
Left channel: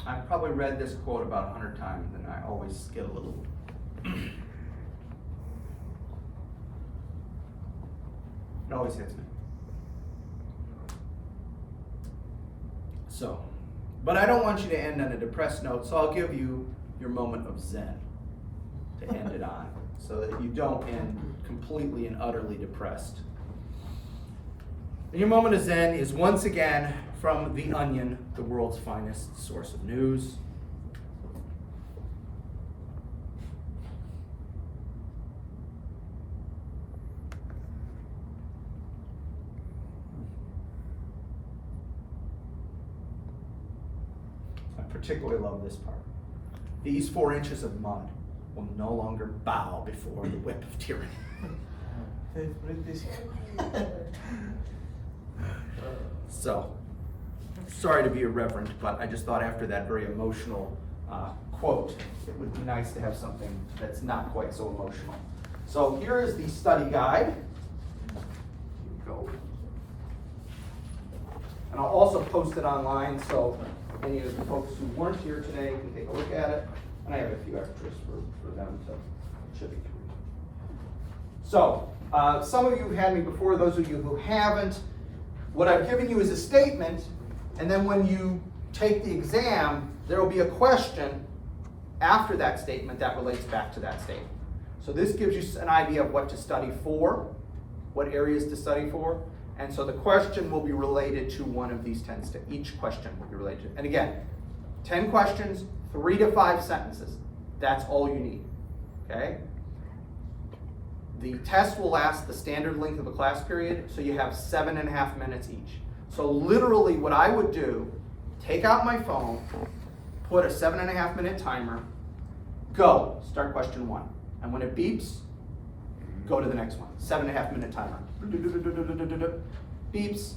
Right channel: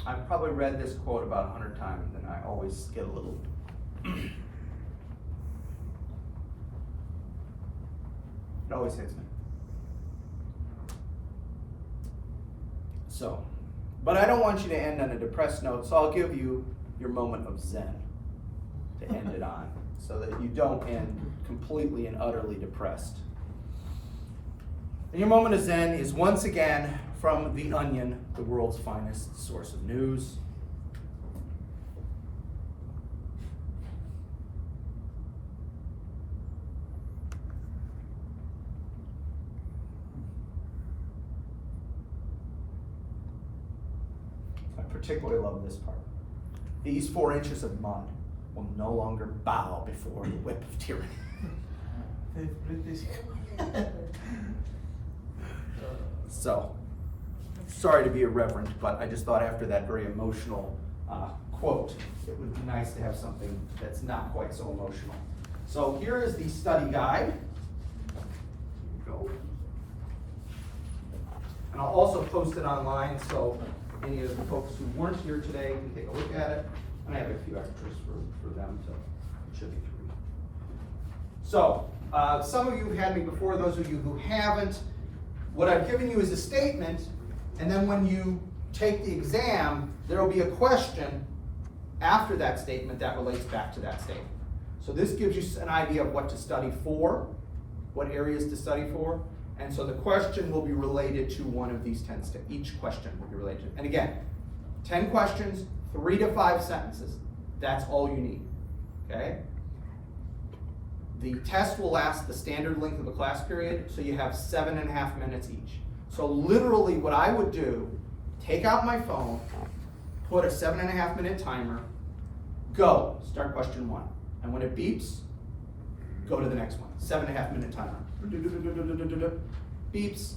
I've probably read this quote about 100 times, and I always get a little. It always hits me. So, but I don't want you to end on a depressed note, so I'll give you your moment of zen to end it on, so that you don't end completely and utterly depressed. And your moment of zen is once again from The Onion, the world's finest source of news. I particularly love this part. These 4 inches of mud will no longer bow before the whip of tyranny. So, sorry to be irreverent, but I just thought after that very emotional quote, it would be nice to have something that's not quite so emotional. So here is the study guide. Here we go. And I'll also post it online, so any of the folks who weren't here today can take a look at it. And I have a few extras for them to should be through. So, some of you have had me before, those of you who haven't, what I've given you is a statement, and then when you take the exam, there will be a question after that statement that relates back to that statement. So this gives you an idea of what to study for, what areas to study for, and so the question will be related to one of these 10 steps. Each question will be related to. And again, 10 questions, 3 to 5 sentences. That's all you need, okay? The test will last the standard length of a class period, so you have 7.5 minutes each. So literally what I would do, take out my phone, put a 7.5 minute timer, go, start question 1. And when it beeps, go to the next one. 7.5 minute timer. Beeps,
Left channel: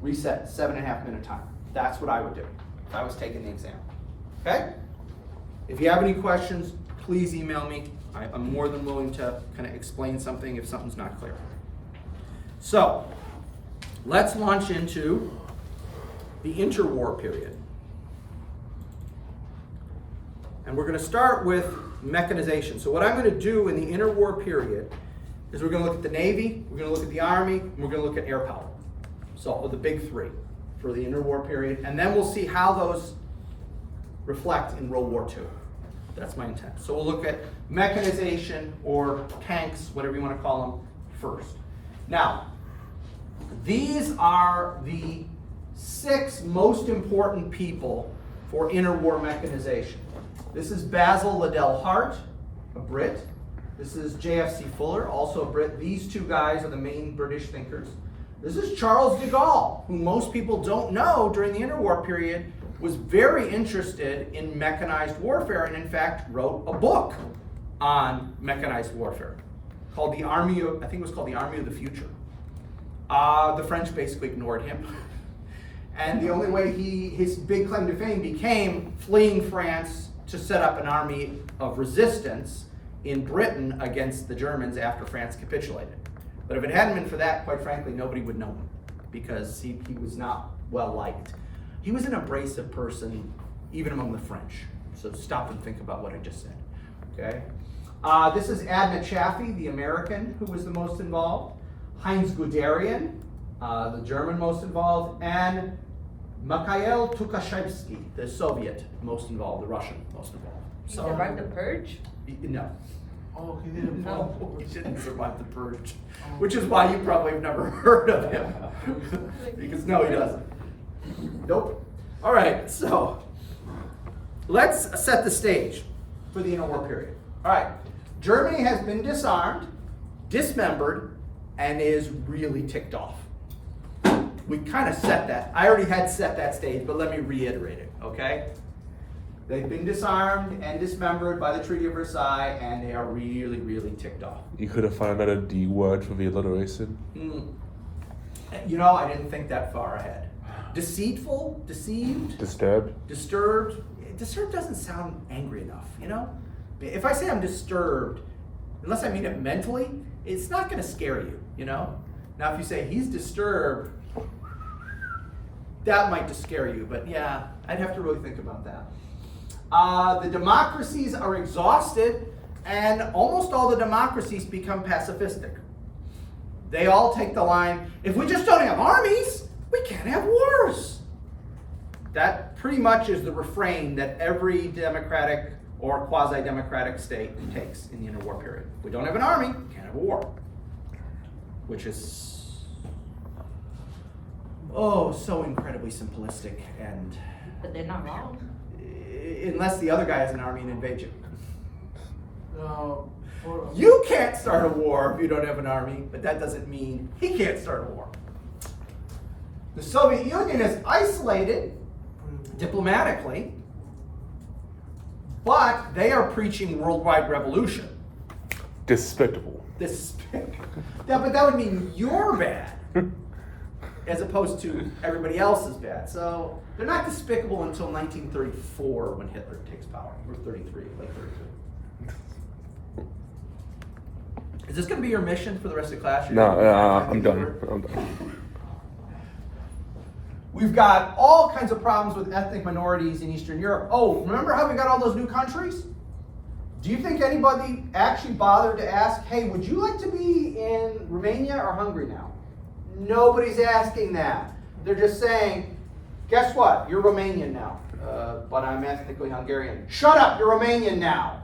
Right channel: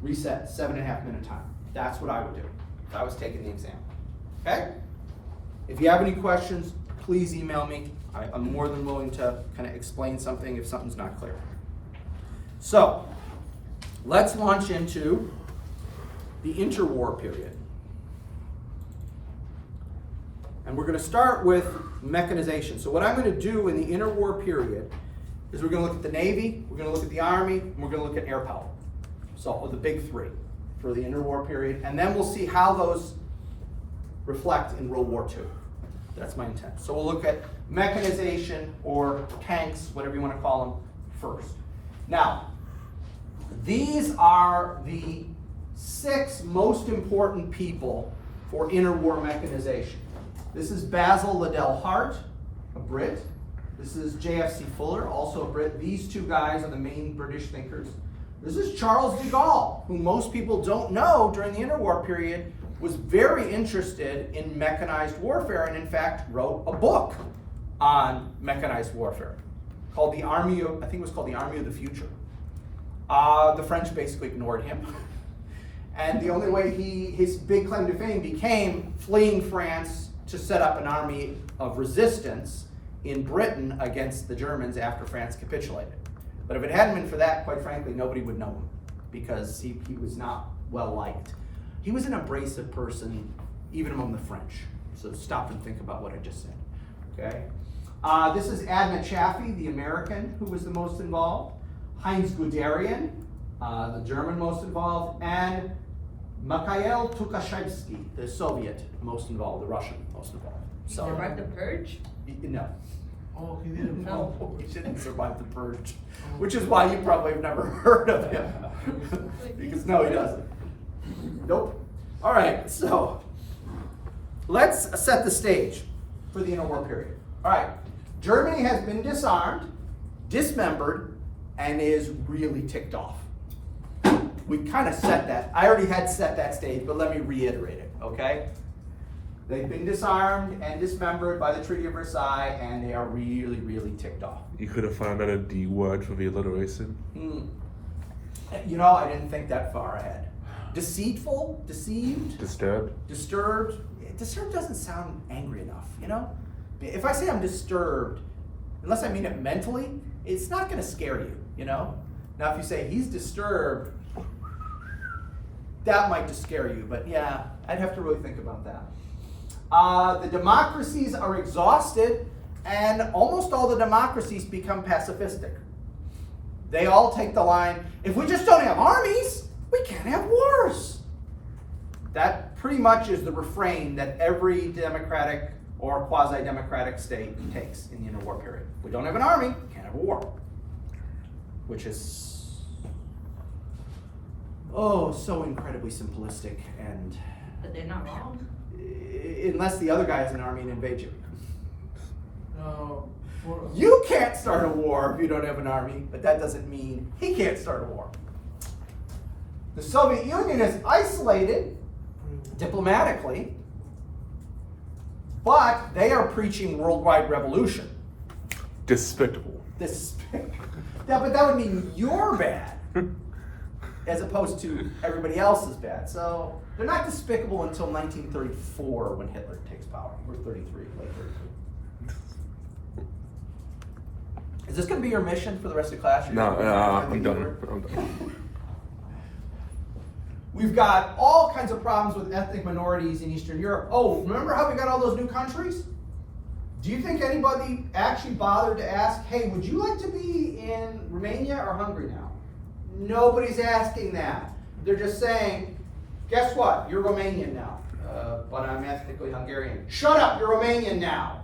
reset, 7.5 minute timer. That's what I would do if I was taking the exam, okay? If you have any questions, please email me. I'm more than willing to kind of explain something if something's not clear. So, let's launch into the interwar period. And we're going to start with mechanization. So what I'm going to do in the interwar period is we're going to look at the Navy, we're going to look at the Army, and we're going to look at air power. So the big 3 for the interwar period. And then we'll see how those reflect in World War II. That's my intent. So we'll look at mechanization or tanks, whatever you want to call them, first. Now, these are the 6 most important people for interwar mechanization. This is Basil Liddell Hart, a Brit. This is J.F.C. Fuller, also a Brit. These 2 guys are the main British thinkers. This is Charles de Gaulle, who most people don't know during the interwar period was very interested in mechanized warfare and in fact wrote a book on mechanized warfare called the Army of, I think it was called the Army of the Future. The French basically ignored him. And the only way his big claim to fame became fleeing France to set up an army of resistance in Britain against the Germans after France capitulated. But if it hadn't been for that, quite frankly, nobody would know him because he was not well liked. He was an abrasive person, even among the French. So stop and think about what I just said, okay? This is Adna Chaffee, the American who was the most involved. Heinz Guderian, the German most involved, and Mikhail Tukhachevsky, the Soviet most involved, the Russian most involved. He survived the purge? No. Oh, he didn't No. fall. He didn't survive the purge, which is why you probably have never heard of him. Because no, he doesn't. Nope. All right, so let's set the stage for the interwar period. All right, Germany has been disarmed, dismembered, and is really ticked off. We kind of set that. I already had set that stage, but let me reiterate it, okay? They've been disarmed and dismembered by the Treaty of Versailles, and they are really, really ticked off. You could have found out a D word for the alliteration. You know, I didn't think that far ahead. Deceitful, deceived, Disturbed. disturbed. Disturbed doesn't sound angry enough, you know? If I say I'm disturbed, unless I mean it mentally, it's not going to scare you, you know? Now, if you say he's disturbed, that might just scare you, but yeah, I'd have to really think about that. The democracies are exhausted, and almost all the democracies become pacifistic. They all take the line, if we just don't have armies, we can't have wars. That pretty much is the refrain that every democratic or quasi-democratic state takes in the interwar period. If we don't have an army, we can't have a war. Which is, so incredibly simplistic, and But they're not wrong. unless the other guy has an army and invades you. For, You can't start a war if you don't have an army, but that doesn't mean he can't start a war. The Soviet Union is isolated diplomatically, but they are preaching worldwide revolution. Despicable. Yeah, but that would mean you're bad, as opposed to everybody else is bad. So they're not despicable until 1934 when Hitler takes power. We're 33, late 33. Is this going to be your mission for the rest of class? You're No, gonna find my I'm keyword? done. I'm done. We've got all kinds of problems with ethnic minorities in Eastern Europe. Oh, remember how we got all those new countries? Do you think anybody actually bothered to ask, hey, would you like to be in Romania or Hungary now? Nobody's asking that. They're just saying, guess what? You're Romanian now. But I'm ethnically Hungarian. Shut up, you're Romanian now.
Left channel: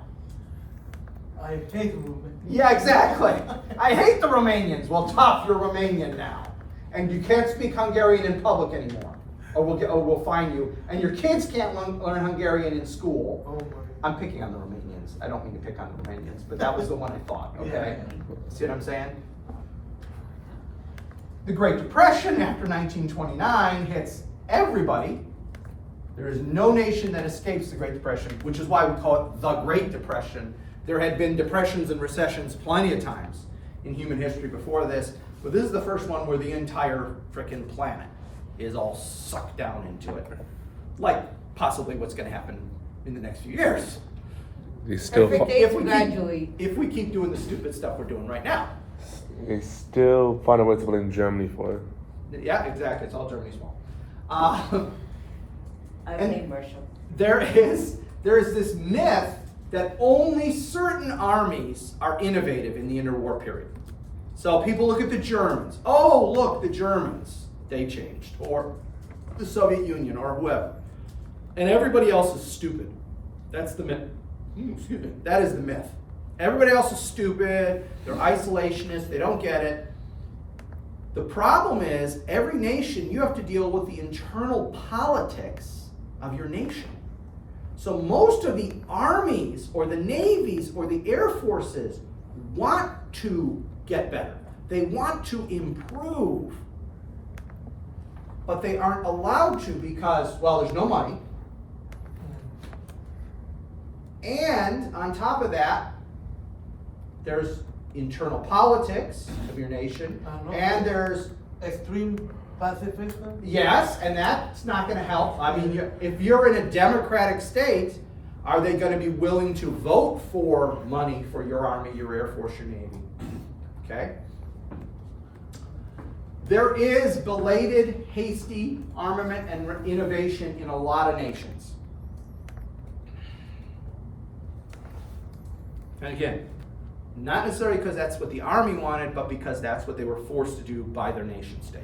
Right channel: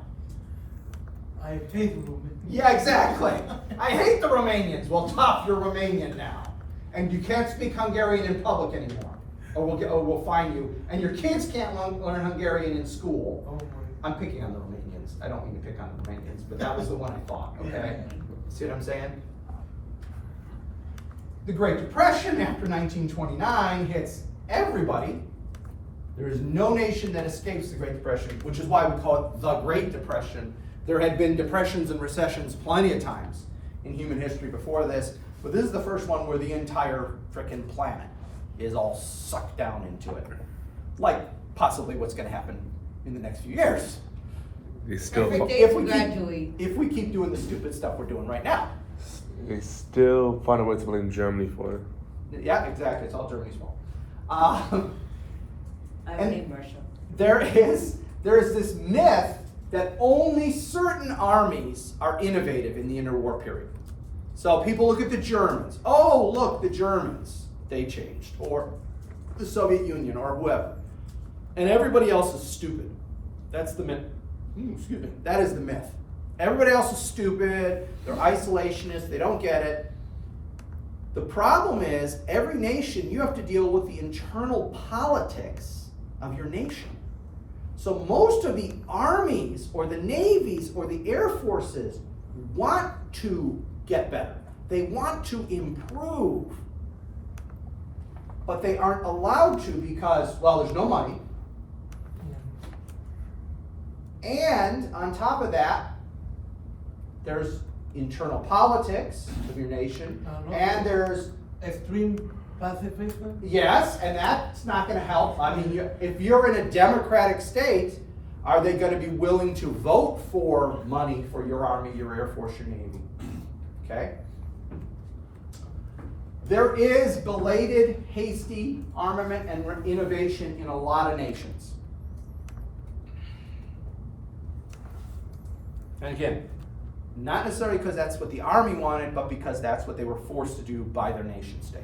I hate Romania. Yeah, exactly. I hate the Romanians. Well, tough, you're Romanian now. And you can't speak Hungarian in public anymore. Or we'll fine you. And your kids can't learn Hungarian in school. Oh my. I'm picking on the Romanians. I don't mean to pick on the Romanians, but that was the one I thought, okay? See what I'm saying? The Great Depression after 1929 hits everybody. There is no nation that escapes the Great Depression, which is why we call it the Great Depression. There had been depressions and recessions plenty of times in human history before this, but this is the first one where the entire frickin' planet is all sucked down into it. Like possibly what's going to happen in the next few years. They still, Everything gradually. If we keep doing the stupid stuff we're doing right now. they still find a way to blame Germany for it. Yeah, exactly. It's all Germany's fault. I And- blame Russia. There is this myth that only certain armies are innovative in the interwar period. So people look at the Germans. Oh, look, the Germans, they changed. Or the Soviet Union, or whoever. And everybody else is stupid. That's the myth. Excuse me. That is the myth. Everybody else is stupid. They're isolationists. They don't get it. The problem is, every nation, you have to deal with the internal politics of your nation. So most of the armies or the navies or the air forces want to get better. They want to improve. But they aren't allowed to because, well, there's no money. And on top of that, there's internal politics of your nation. And there's Extreme pacifism. yes, and that's not going to help. I mean, if you're in a democratic state, are they going to be willing to vote for money for your army, your air force, your navy? Okay? There is belated, hasty armament and innovation in a lot of nations. And again, not necessarily because that's what the army wanted, but because that's what they were forced to do by their nation state.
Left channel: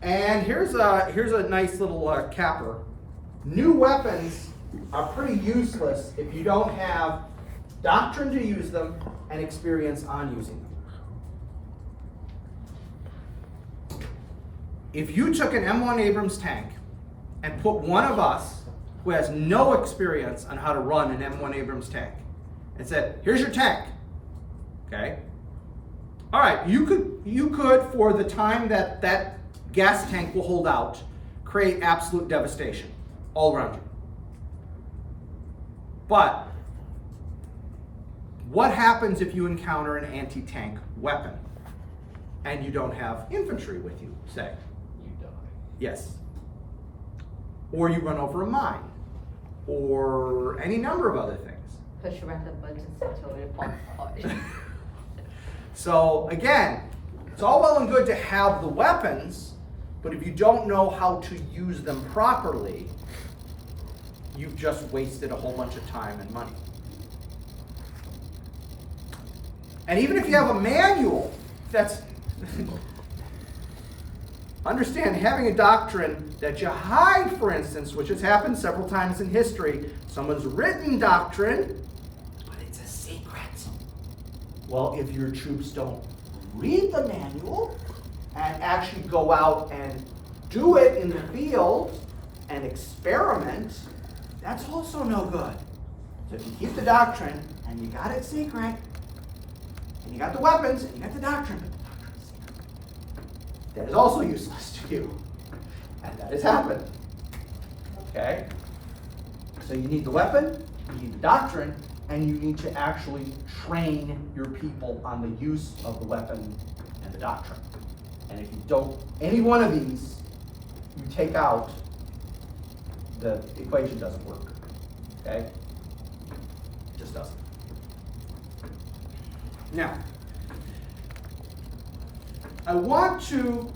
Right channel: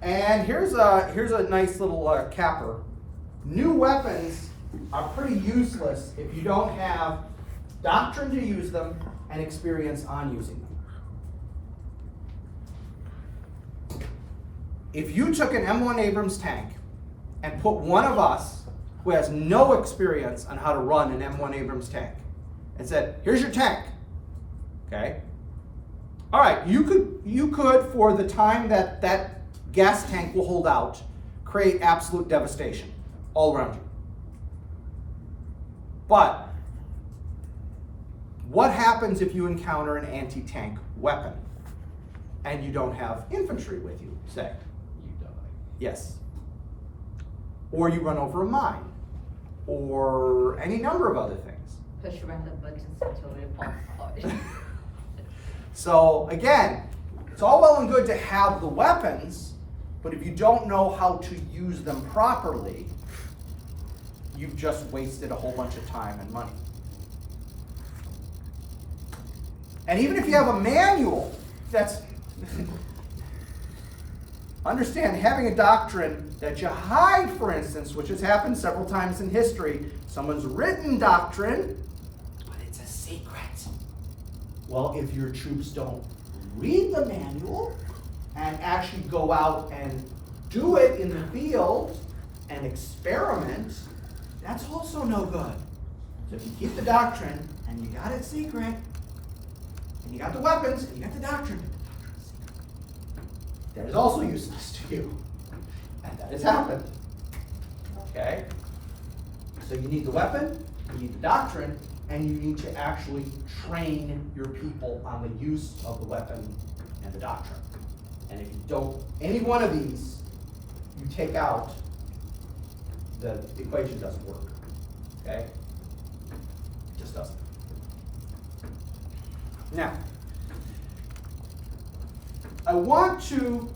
And here's a nice little capper. New weapons are pretty useless if you don't have doctrine to use them and experience on using them. If you took an M1 Abrams tank and put one of us who has no experience on how to run an M1 Abrams tank and said, here's your tank, okay? All right, you could for the time that that gas tank will hold out, create absolute devastation all around you. But what happens if you encounter an anti-tank weapon and you don't have infantry with you, say? You die. Yes. Or you run over a mine, or any number of other things. Push random buttons until it falls apart. So again, it's all well and good to have the weapons, but if you don't know how to use them properly, you've just wasted a whole bunch of time and money. And even if you have a manual, that's understand, having a doctrine that you hide, for instance, which has happened several times in history, someone's written doctrine, but it's a secret. Well, if your troops don't read the manual and actually go out and do it in the field and experiment, that's also no good. So if you keep the doctrine and you got it secret, and you got the weapons and you got the doctrine, that is also useless to you. And that has happened. Okay? So you need the weapon, you need the doctrine, and you need to actually train your people on the use of the weapon and the doctrine. And if you don't, any one of these, you take out, the equation doesn't work. Okay? It just doesn't. Now, I want to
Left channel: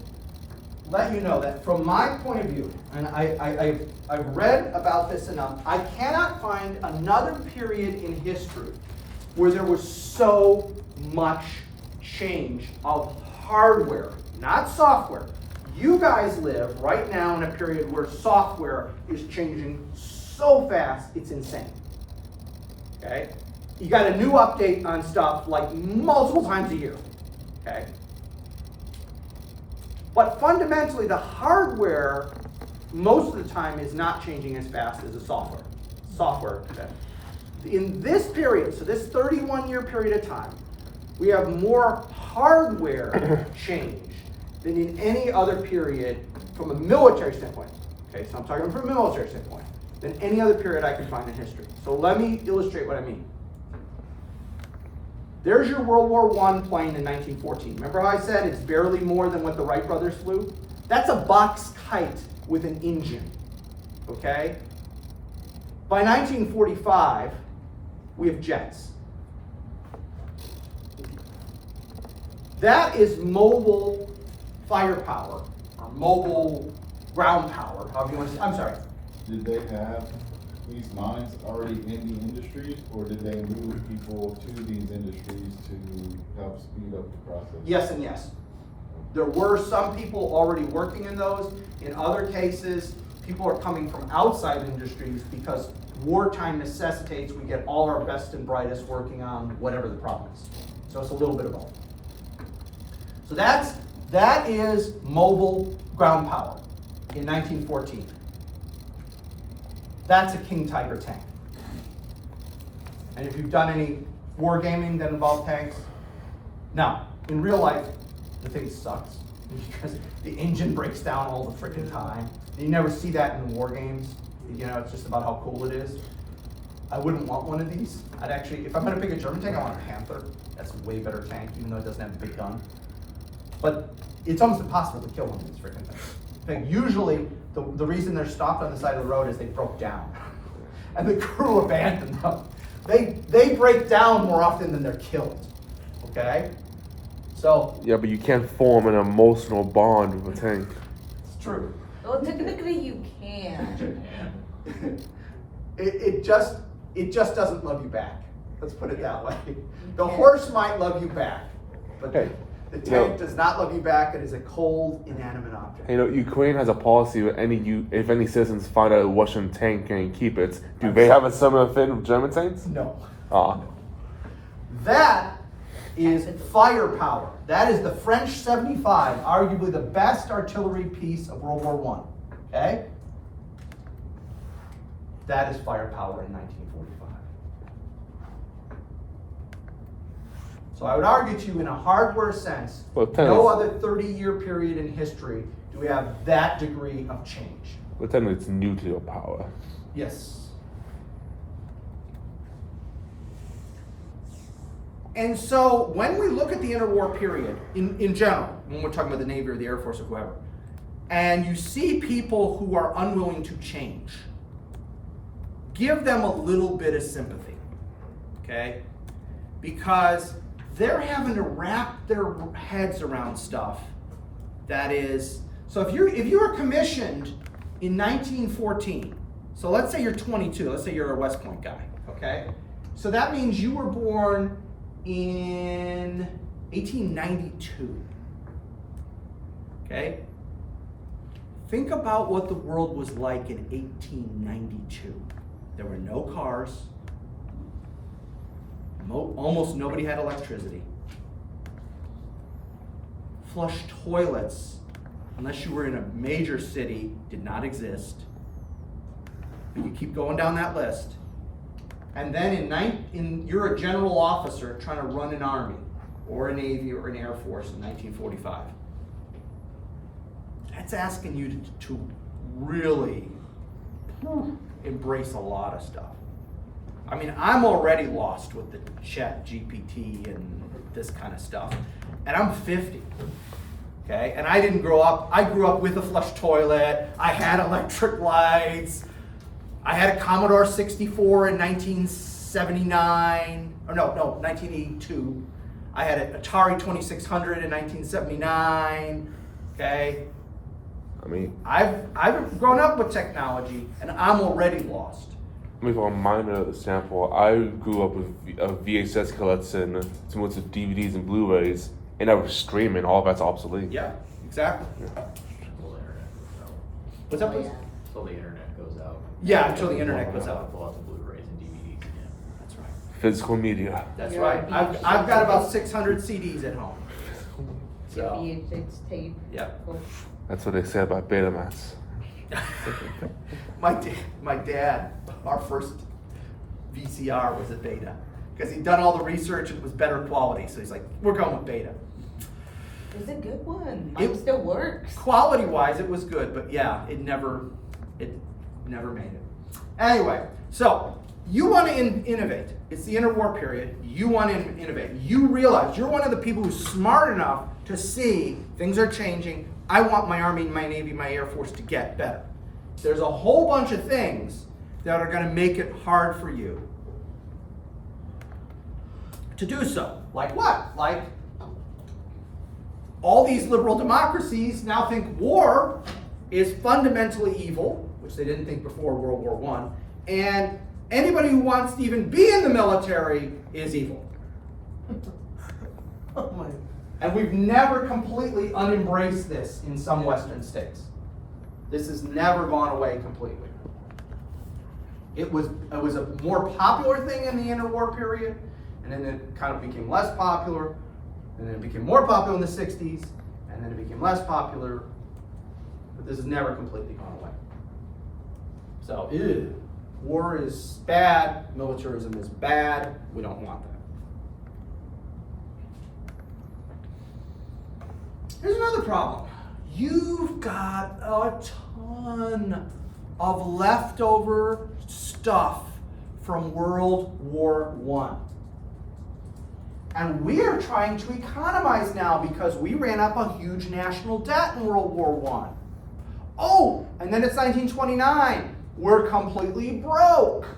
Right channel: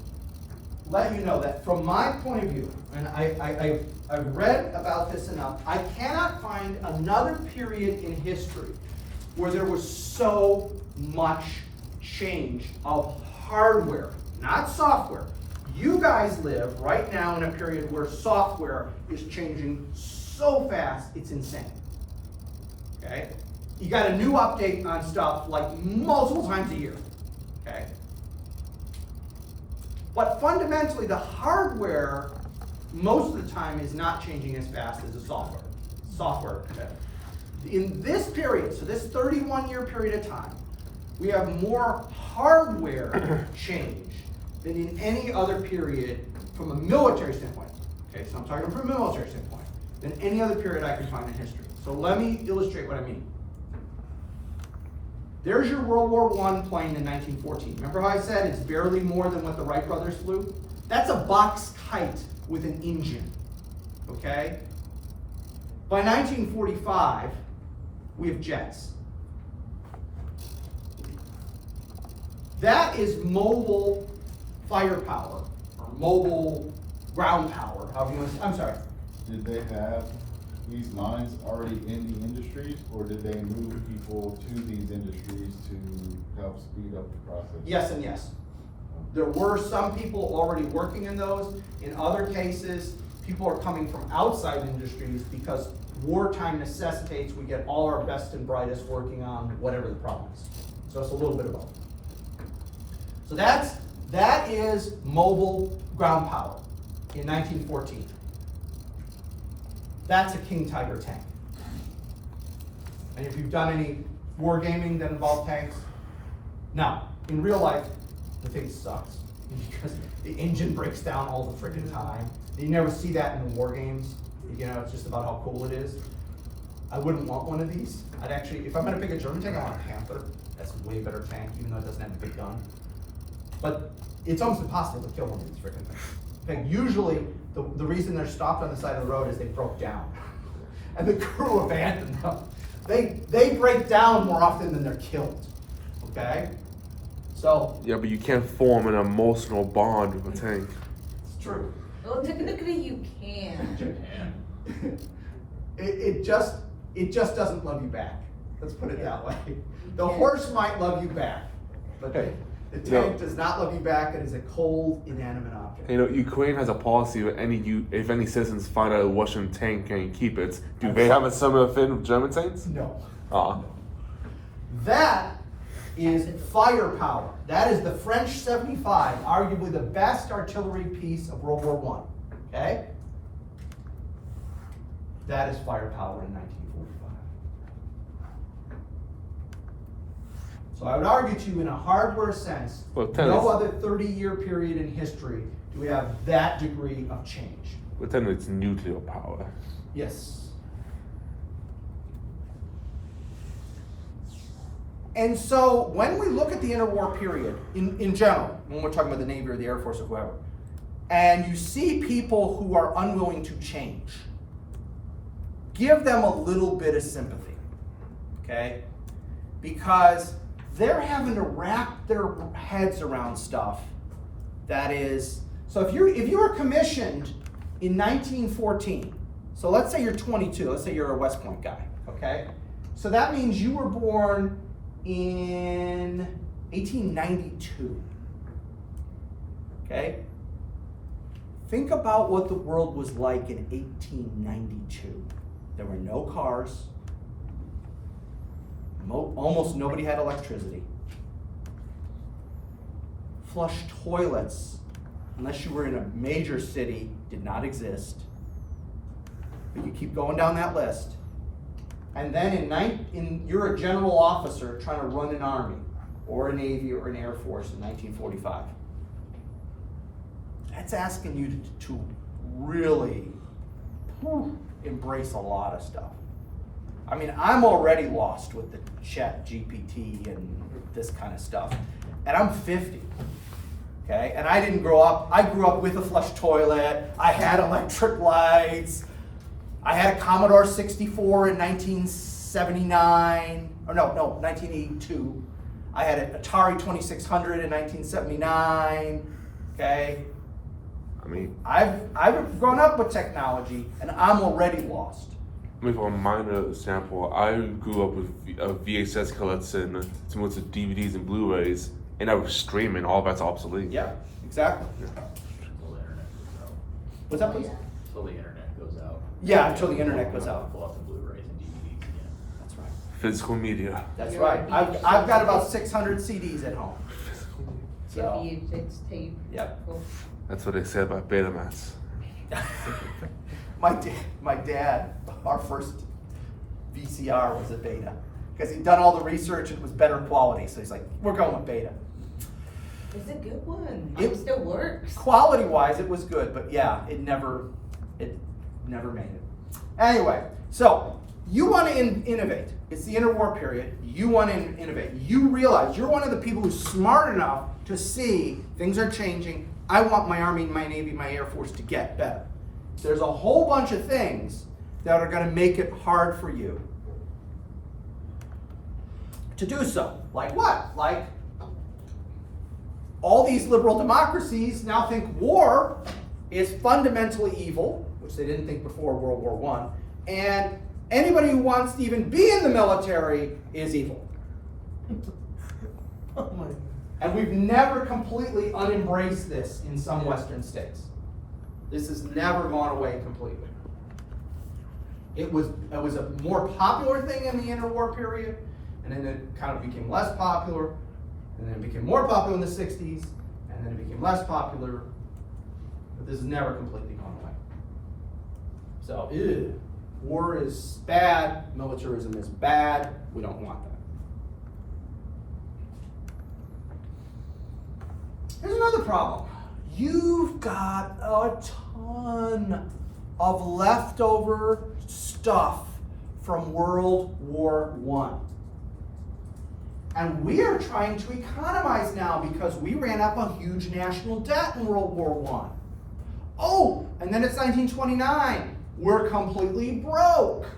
let you know that from my point of view, and I've read about this enough, I cannot find another period in history where there was so much change of hardware, not software. You guys live right now in a period where software is changing so fast, it's insane. Okay? You got a new update on stuff like multiple times a year. Okay? But fundamentally, the hardware, most of the time, is not changing as fast as the software. Okay? In this period, so this 31-year period of time, we have more hardware change than in any other period from a military standpoint. Okay, so I'm talking from a military standpoint, than any other period I can find in history. So let me illustrate what I mean. There's your World War I plane in 1914. Remember how I said it's barely more than what the Wright brothers flew? That's a box kite with an engine, okay? By 1945, we have jets. That is mobile firepower, or mobile ground power, however you want to say. I'm sorry. Did they have these lines already in the industries, or did they move people to these industries to help speed up the process? Yes and yes. There were some people already working in those. In other cases, people are coming from outside industries because wartime necessitates we get all our best and brightest working on whatever the problem is. So it's a little bit of both. So that is mobile ground power in 1914. That's a King Tiger tank. And if you've done any wargaming that involves tanks, now, in real life, the thing sucks because the engine breaks down all the freaking time. And you never see that in the war games. You know, it's just about how cool it is. I wouldn't want one of these. I'd actually, if I'm gonna pick a German tank, I want a Panther. That's a way better tank, even though it doesn't have a big gun. But it's almost impossible to kill one of these freaking things. In fact, usually, the reason they're stopped on the side of the road is they broke down. And the crew abandoned them. They break down more often than they're killed. Okay? So, Yeah, but you can't form an emotional bond with a tank. it's true. Well, technically you can. And It just doesn't love you back. Let's put it that way. The Yeah. horse might love you back, but the tank Yeah. does not love you back. It is a cold, inanimate object. You know, Ukraine has a policy that if any citizens find a Russian tank and keep it, do they have a similar thing with German tanks? No. Ah. That is firepower. That is the French 75, arguably the best artillery piece of World War I. Okay? That is firepower in 1945. So I would argue to you, in a hardware sense, Well, no other 30-year period in history do we have that degree of change. But then it's nuclear power. Yes. And so when we look at the interwar period in general, when we're talking about the Navy or the Air Force or whoever, and you see people who are unwilling to change, give them a little bit of sympathy, okay? Because they're having to wrap their heads around stuff that is, so if you were commissioned in 1914, so let's say you're 22, let's say you're a West Point guy, okay? So that means you were born in 1892, okay? Think about what the world was like in 1892. There were no cars. Almost nobody had electricity. Flush toilets, unless you were in a major city, did not exist. But you keep going down that list. And then you're a general officer trying to run an army, or a Navy, or an Air Force in 1945. That's asking you to really embrace a lot of stuff. I mean, I'm already lost with the Chat GPT and this kind of stuff. And I'm 50, okay? And I didn't grow up, I grew up with a flush toilet, I had electric lights, I had a Commodore 64 in 1979, or no, 1982. I had an Atari 2600 in 1979, okay? I mean, I've grown up with technology, and I'm already lost. with a minor example, I grew up with VHS collection, similar to DVDs and Blu-rays, and I was streaming. All that's obsolete. Yeah, exactly. until the internet goes out. What's that, please? Until the internet goes out. Yeah, until the internet goes out. We'll have the Blu-rays and DVDs again. That's right. Physical media. That's You're right. a I've got about 600 CDs at home. So, It's tape. yep. Cool. That's what they say about Betamax. My dad, our first VCR was a Beta, because he'd done all the research and it was better quality. So he's like, we're going with Beta. It's a good one. It- Mine still works. Quality-wise, it was good, but yeah, it never made it. Anyway, so you want to innovate. It's the interwar period. You want to innovate. You realize you're one of the people who's smart enough to see things are changing. I want my Army, my Navy, my Air Force to get better. There's a whole bunch of things that are going to make it hard for you to do so. Like what? Like all these liberal democracies now think war is fundamentally evil, which they didn't think before World War I, and anybody who wants to even be in the military is evil. Oh my. And we've never completely unembraced this in some Western states. This has never gone away completely. It was a more popular thing in the interwar period, and then it kind of became less popular, and then it became more popular in the 60s, and then it became less popular, but this has never completely gone away. So, war is bad, militarism is bad, we don't want that. Here's another problem. You've got a ton of leftover stuff from World War I. And we are trying to economize now because we ran up a huge national debt in World War I. Oh, and then it's 1929. We're completely broke.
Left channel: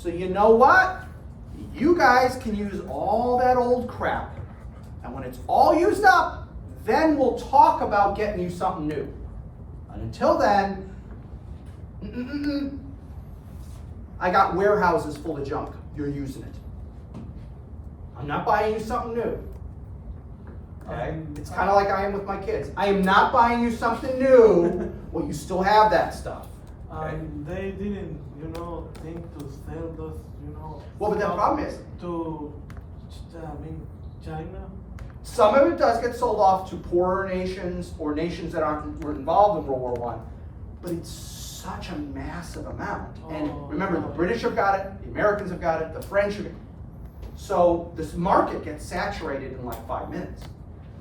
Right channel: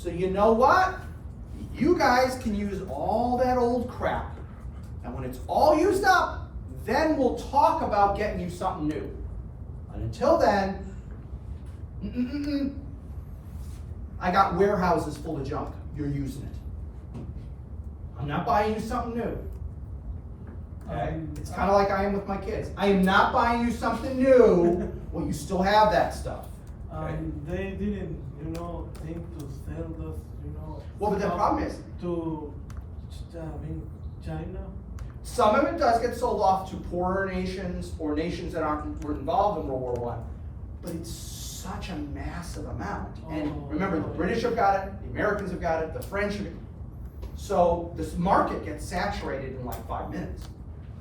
So you know what? You guys can use all that old crap. And when it's all used up, then we'll talk about getting you something new. And until then, I got warehouses full of junk. You're using it. I'm not buying you something new. Okay? It's kind of like I am with my kids. I am not buying you something new. Well, you still have that stuff. Okay? They didn't, think to sell those, Well, but the stuff problem is, to, China. some of it does get sold off to poorer nations or nations that were involved in World War I, but it's such a massive amount. And remember, the British have got it, the Americans have got it, the French have got it. So this market gets saturated in like 5 minutes.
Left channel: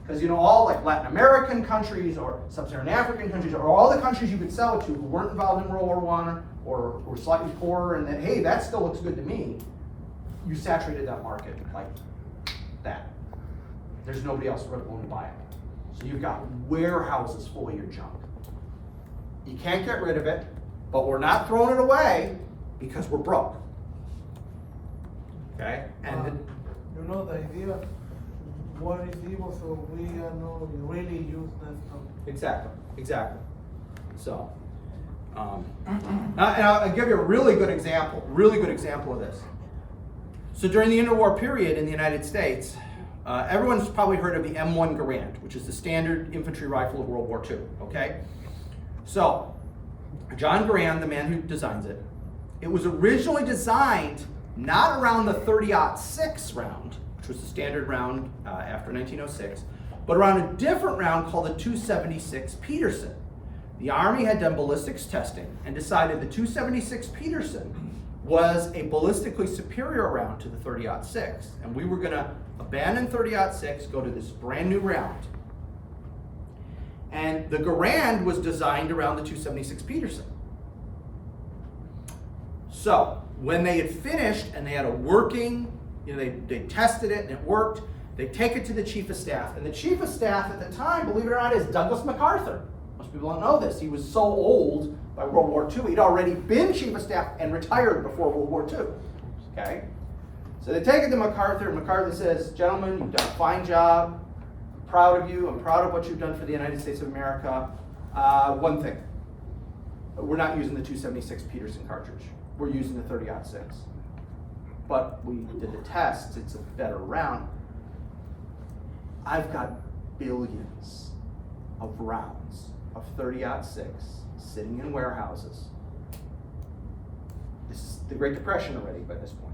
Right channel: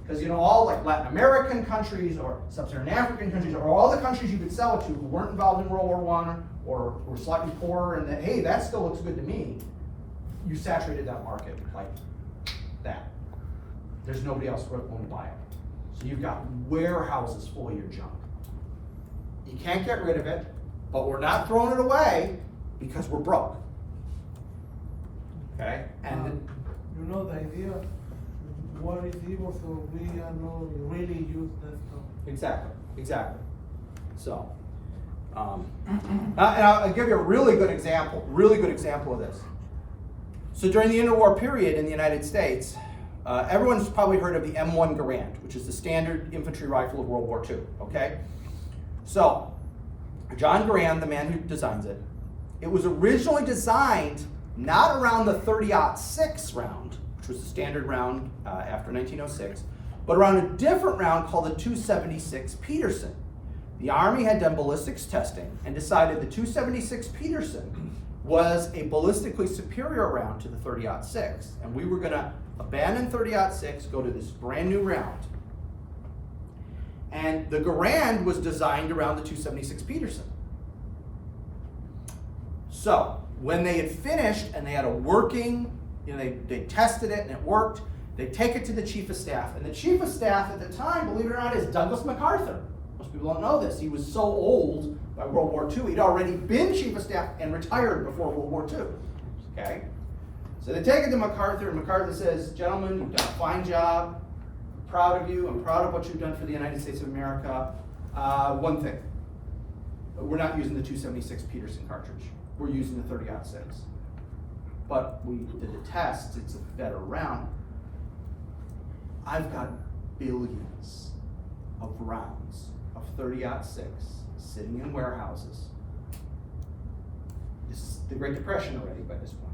Because all like Latin American countries or Sub-Saharan African countries or all the countries you could sell it to who weren't involved in World War I or were slightly poorer and that, hey, that still looks good to me, you saturated that market like that. There's nobody else willing to buy it. So you've got warehouses full of your junk. You can't get rid of it, but we're not throwing it away because we're broke. Okay? And The idea, what is evil, so we are not really use that stuff. Exactly. So, and I'll give you a really good example of this. So during the interwar period in the United States, everyone's probably heard of the M1 Garand, which is the standard infantry rifle of World War II, okay? So, John Garand, the man who designs it, it was originally designed not around the 30-06 round, which was the standard round after 1906, but around a different round called the 276 Peterson. The Army had done ballistics testing and decided the 276 Peterson was a ballistically superior round to the 30-06, and we were going to abandon 30-06, go to this brand new round. And the Garand was designed around the 276 Peterson. So when they had finished and they had a working, they tested it and it worked, they take it to the Chief of Staff. And the Chief of Staff at the time, believe it or not, is Douglas MacArthur. Most people don't know this. He was so old by World War II, he'd already been Chief of Staff and retired before World War II. Okay? So they take it to MacArthur, and MacArthur says, gentlemen, you've done a fine job. I'm proud of you. I'm proud of what you've done for the United States of America. One thing, we're not using the 276 Peterson cartridge. We're using the 30-06. But we did the tests, it's a better round. I've got billions of rounds of 30-06 sitting in warehouses. This is the Great Depression already by this point.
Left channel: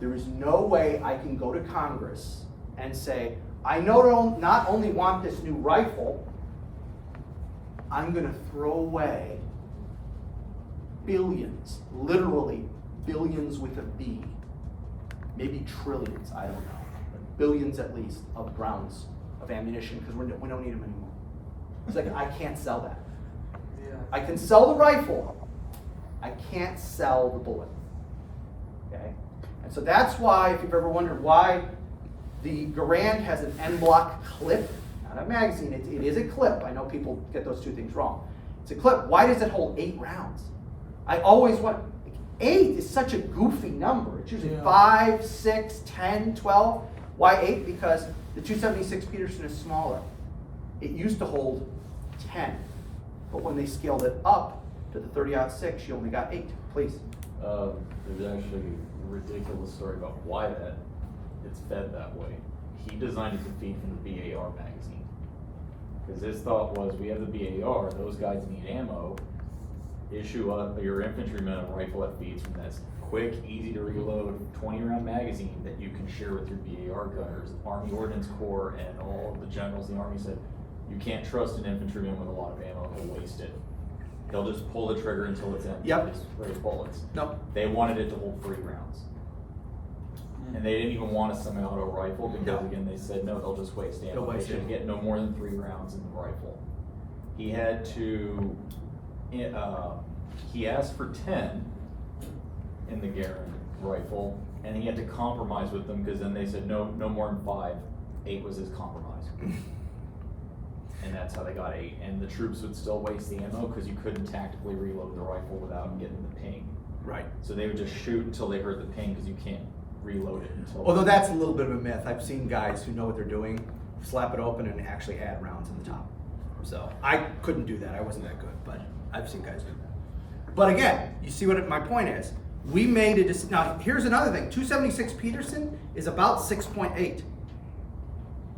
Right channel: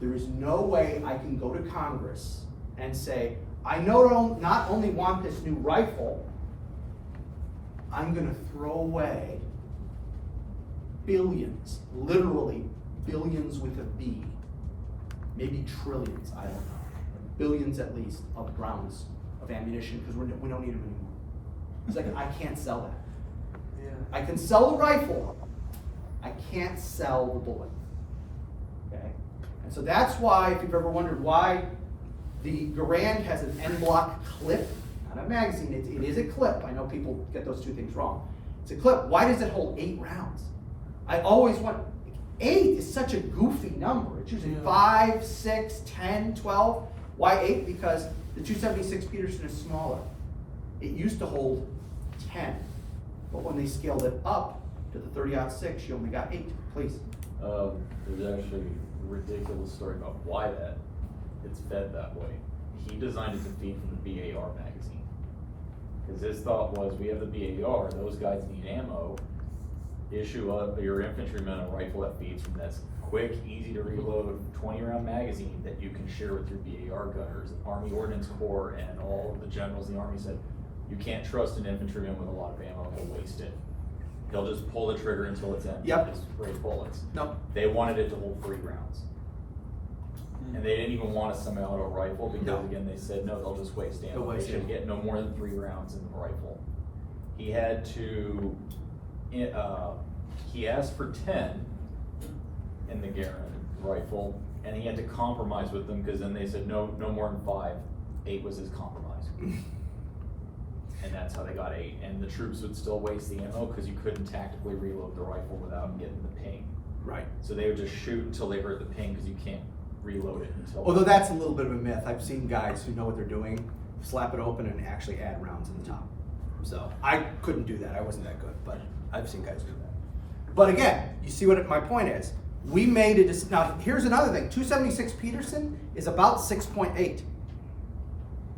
There is no way I can go to Congress and say, I not only want this new rifle, I'm going to throw away billions, literally billions with a B, maybe trillions, I don't know, but billions at least of rounds of ammunition because we don't need them anymore. It's like, I can't sell that. Yeah. I can sell the rifle, I can't sell the bullet. Okay? And so that's why, if you've ever wondered why the Garand has an en bloc clip, not a magazine, it is a clip. I know people get those two things wrong. It's a clip. Why does it hold 8 rounds? I always want, 8 is such a goofy number. It's usually 5, 6, 10, 12. Why 8? Because the 276 Peterson is smaller. It used to hold 10, but when they scaled it up to the 30-06, you only got 8. Please. There's actually a ridiculous story about why it's fed that way. He designed it to feed from the BAR magazine. Because his thought was, we have the BAR, those guys need ammo, issue up your infantrymen a rifle that feeds from this quick, easy to reload 20-round magazine that you can share with your BAR gunners. Army Ordnance Corps and all of the generals in the Army said, you can't trust an infantryman with a lot of ammo, he'll waste it. He'll just pull the trigger until it's empty. Yep. Just spray bullets. No. They wanted it to hold 3 rounds. And they didn't even want a semi-auto rifle because, No. again, they said, no, they'll just waste ammo. They'll waste They should ammo. get no more than 3 rounds in the rifle. He had to, he asked for 10 in the Garand rifle, and he had to compromise with them because then they said, no more than 5. 8 was his compromise. And that's how they got 8. And the troops would still waste the ammo because you couldn't tactically reload the rifle without getting the ping. Right. So they would just shoot until they hurt the pin because you can't reload it until. Although that's a little bit of a myth. I've seen guys who know what they're doing, slap it open and actually add rounds in the top. So I couldn't do that. I wasn't that good, but I've seen guys do that. But again, you see what my point is. We made it. Now here's another thing. 276 Peterson is about 6.8.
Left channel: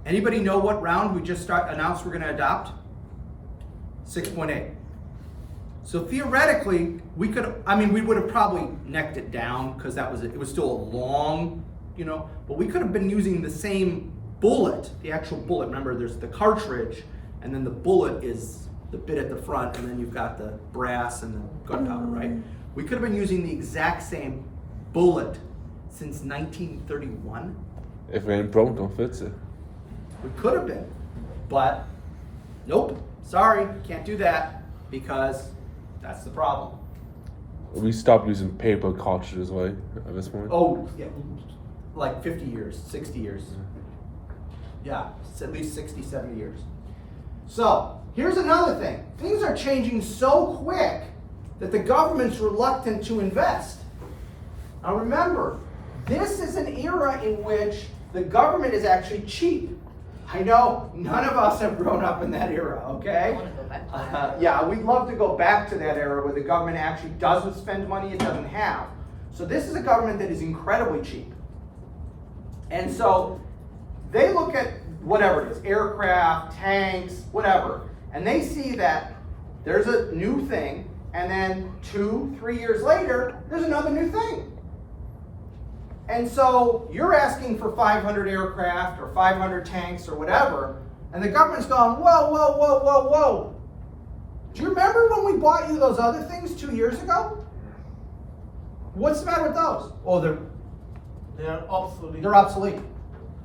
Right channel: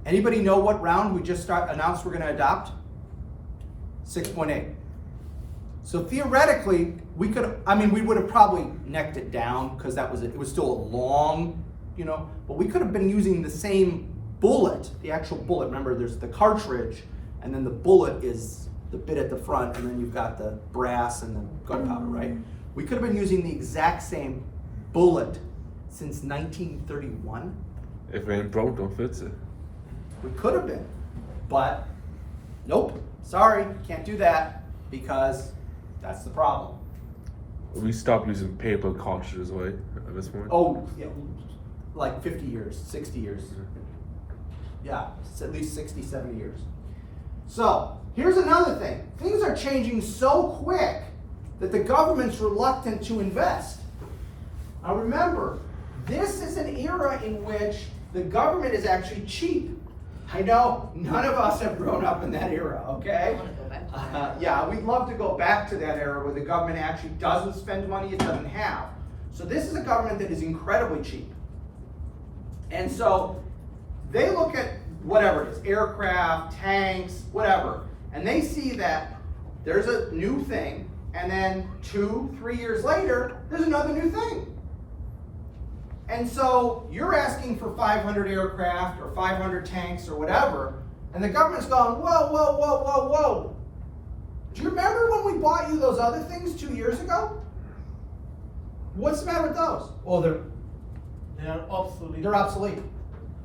Anybody know what round we just announced we're going to adopt? 6.8. So theoretically, we would have probably necked it down because it was still a long, but we could have been using the same bullet, the actual bullet. Remember, there's the cartridge, and then the bullet is the bit at the front, and then you've got the brass and the gunpowder, right? We could have been using the exact same bullet since 1931. If it ain't broke, don't fix it. We could have been, but nope, sorry, can't do that because that's the problem. We stopped using paper cartridges, right, at this point? Oh, yeah, like 50 years, 60 years. Yeah, it's at least 60, 70 years. So, here's another thing. Things are changing so quick that the government's reluctant to invest. Now remember, this is an era in which the government is actually cheap. I know, none of us have grown up in that era, okay? I wanna go back to that. Yeah, we'd love to go back to that era where the government actually doesn't spend money it doesn't have. So this is a government that is incredibly cheap. And so they look at whatever it is, aircraft, tanks, whatever, and they see that there's a new thing, and then 2-3 years later, there's another new thing. And so you're asking for 500 aircraft or 500 tanks or whatever, and the government's going, whoa, whoa, whoa, whoa, whoa. Do you remember when we bought you those other things 2 years ago? What's the matter with those? Oh, They are obsolete. they're obsolete.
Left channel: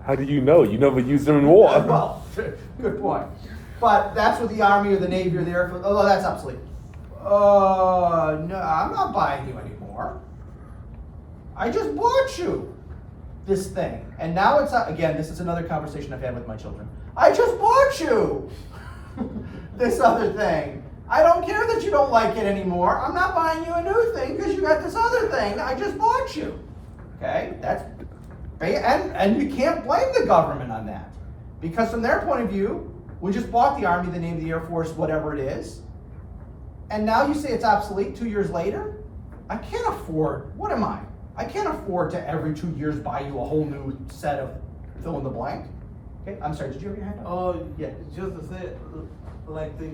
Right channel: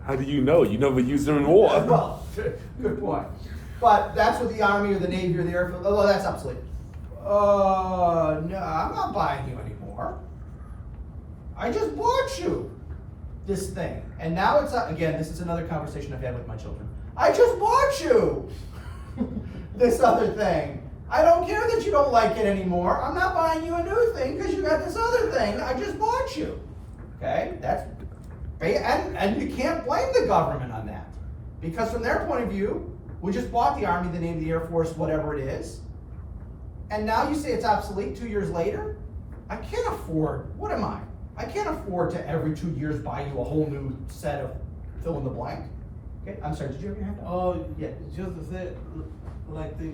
How do you know? You never used them in war. Well, good point. But that's what the Army or the Navy or the Air Force, oh, that's obsolete. No, I'm not buying you anymore. I just bought you this thing. And now it's, again, this is another conversation I've had with my children. I just bought you this other thing. I don't care that you don't like it anymore. I'm not buying you a new thing because you got this other thing. I just bought you. Okay? And you can't blame the government on that. Because from their point of view, we just bought the Army, the Navy, the Air Force, whatever it is. And now you say it's obsolete 2 years later? I can't afford, what am I? I can't afford to every 2 years buy you a whole new set of fill in the blank. Okay, I'm sorry, did you have your hand up? Oh, Yeah. just to say, like the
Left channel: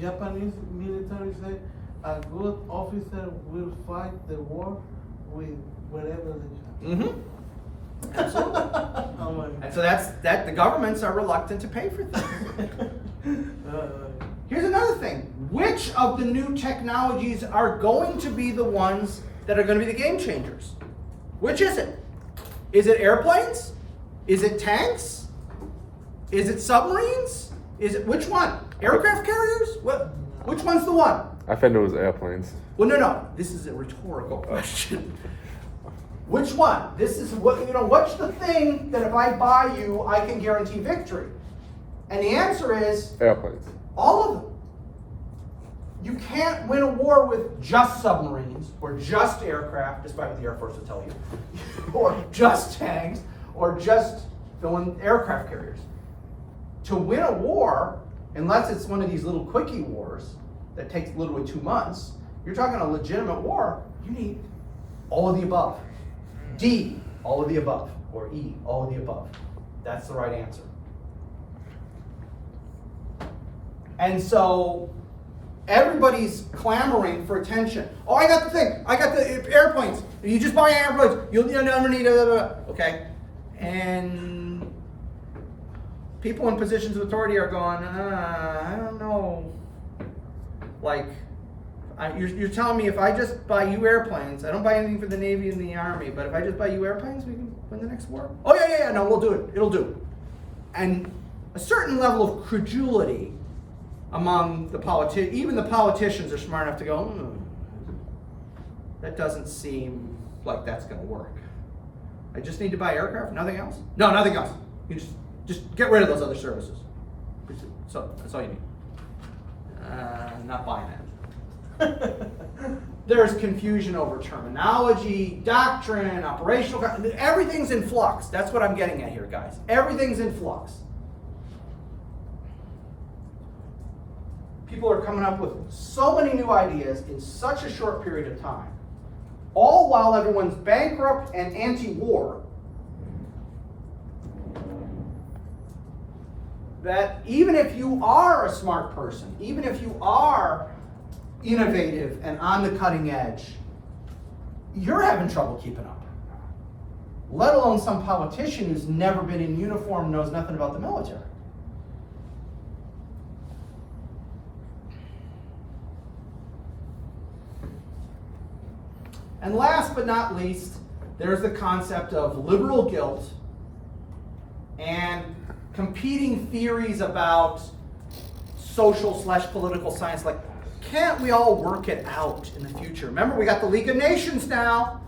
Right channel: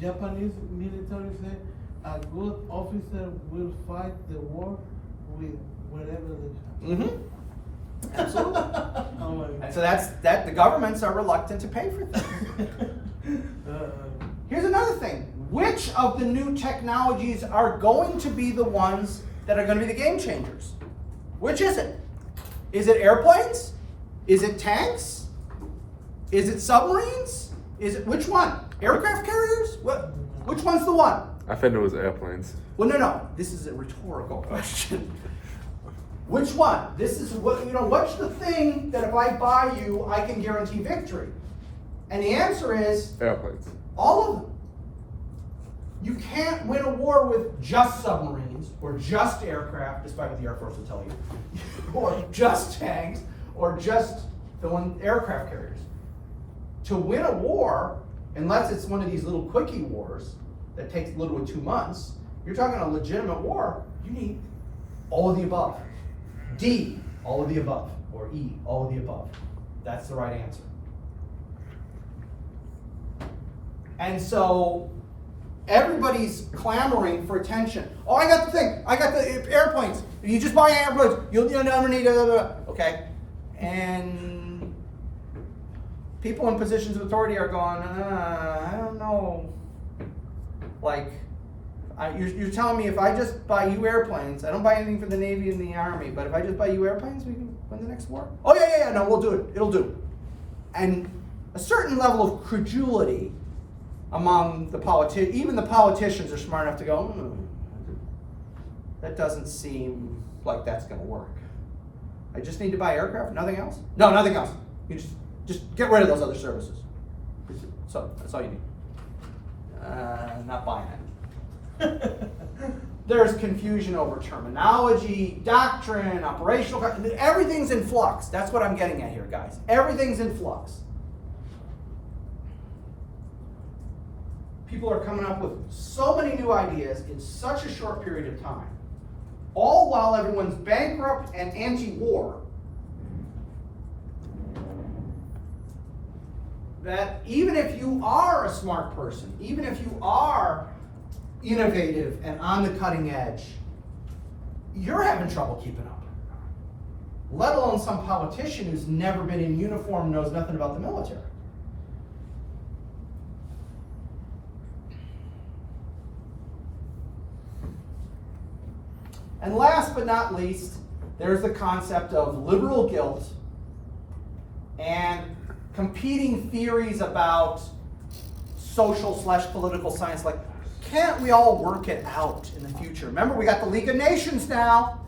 Japanese military say, a good officer will fight the war with whatever they have. Mm-hmm. Absolutely. Oh my And God. so that the governments are reluctant to pay for things. Here's another thing. Which of the new technologies are going to be the ones that are going to be the game changers? Which is it? Is it airplanes? Is it tanks? Is it submarines? Is it which one? Aircraft carriers? Which one's the one? I thought it was airplanes. Well, no. This is a rhetorical question. Which one? This is what's the thing that if I buy you, I can guarantee victory? And the answer is Airplanes. all of them. You can't win a war with just submarines or just aircraft, despite what the Air Force will tell you, or just tanks, or just aircraft carriers. To win a war, unless it's one of these little quickie wars that takes literally 2 months, you're talking a legitimate war, you need all of the above. D, all of the above, or E, all of the above. That's the right answer. And so everybody's clamoring for attention. Oh, I got the thing. I got the airplanes. You just buy airplanes. Okay. And people in positions of authority are going, I don't know. Like, you're telling me if I just buy you airplanes, I don't buy anything for the Navy and the Army, but if I just buy you airplanes, we can win the next war? Oh, yeah, no, we'll do it. It'll do. And a certain level of credulity among the politicians, even the politicians are smart enough to go, that doesn't seem like that's going to work. I just need to buy aircraft, nothing else? No, nothing else. You just get rid of those other services. So that's all you need. Not buying that. There's confusion over terminology, doctrine, operational, everything's in flux. That's what I'm getting at here, guys. Everything's in flux. People are coming up with so many new ideas in such a short period of time, all while everyone's bankrupt and anti-war, that even if you are a smart person, even if you are innovative and on the cutting edge, you're having trouble keeping up. Let alone some politician who's never been in uniform, knows nothing about the military. And last but not least, there's the concept of liberal guilt and competing theories about social/political science. Like, can't we all work it out in the future? Remember, we got the League of Nations now.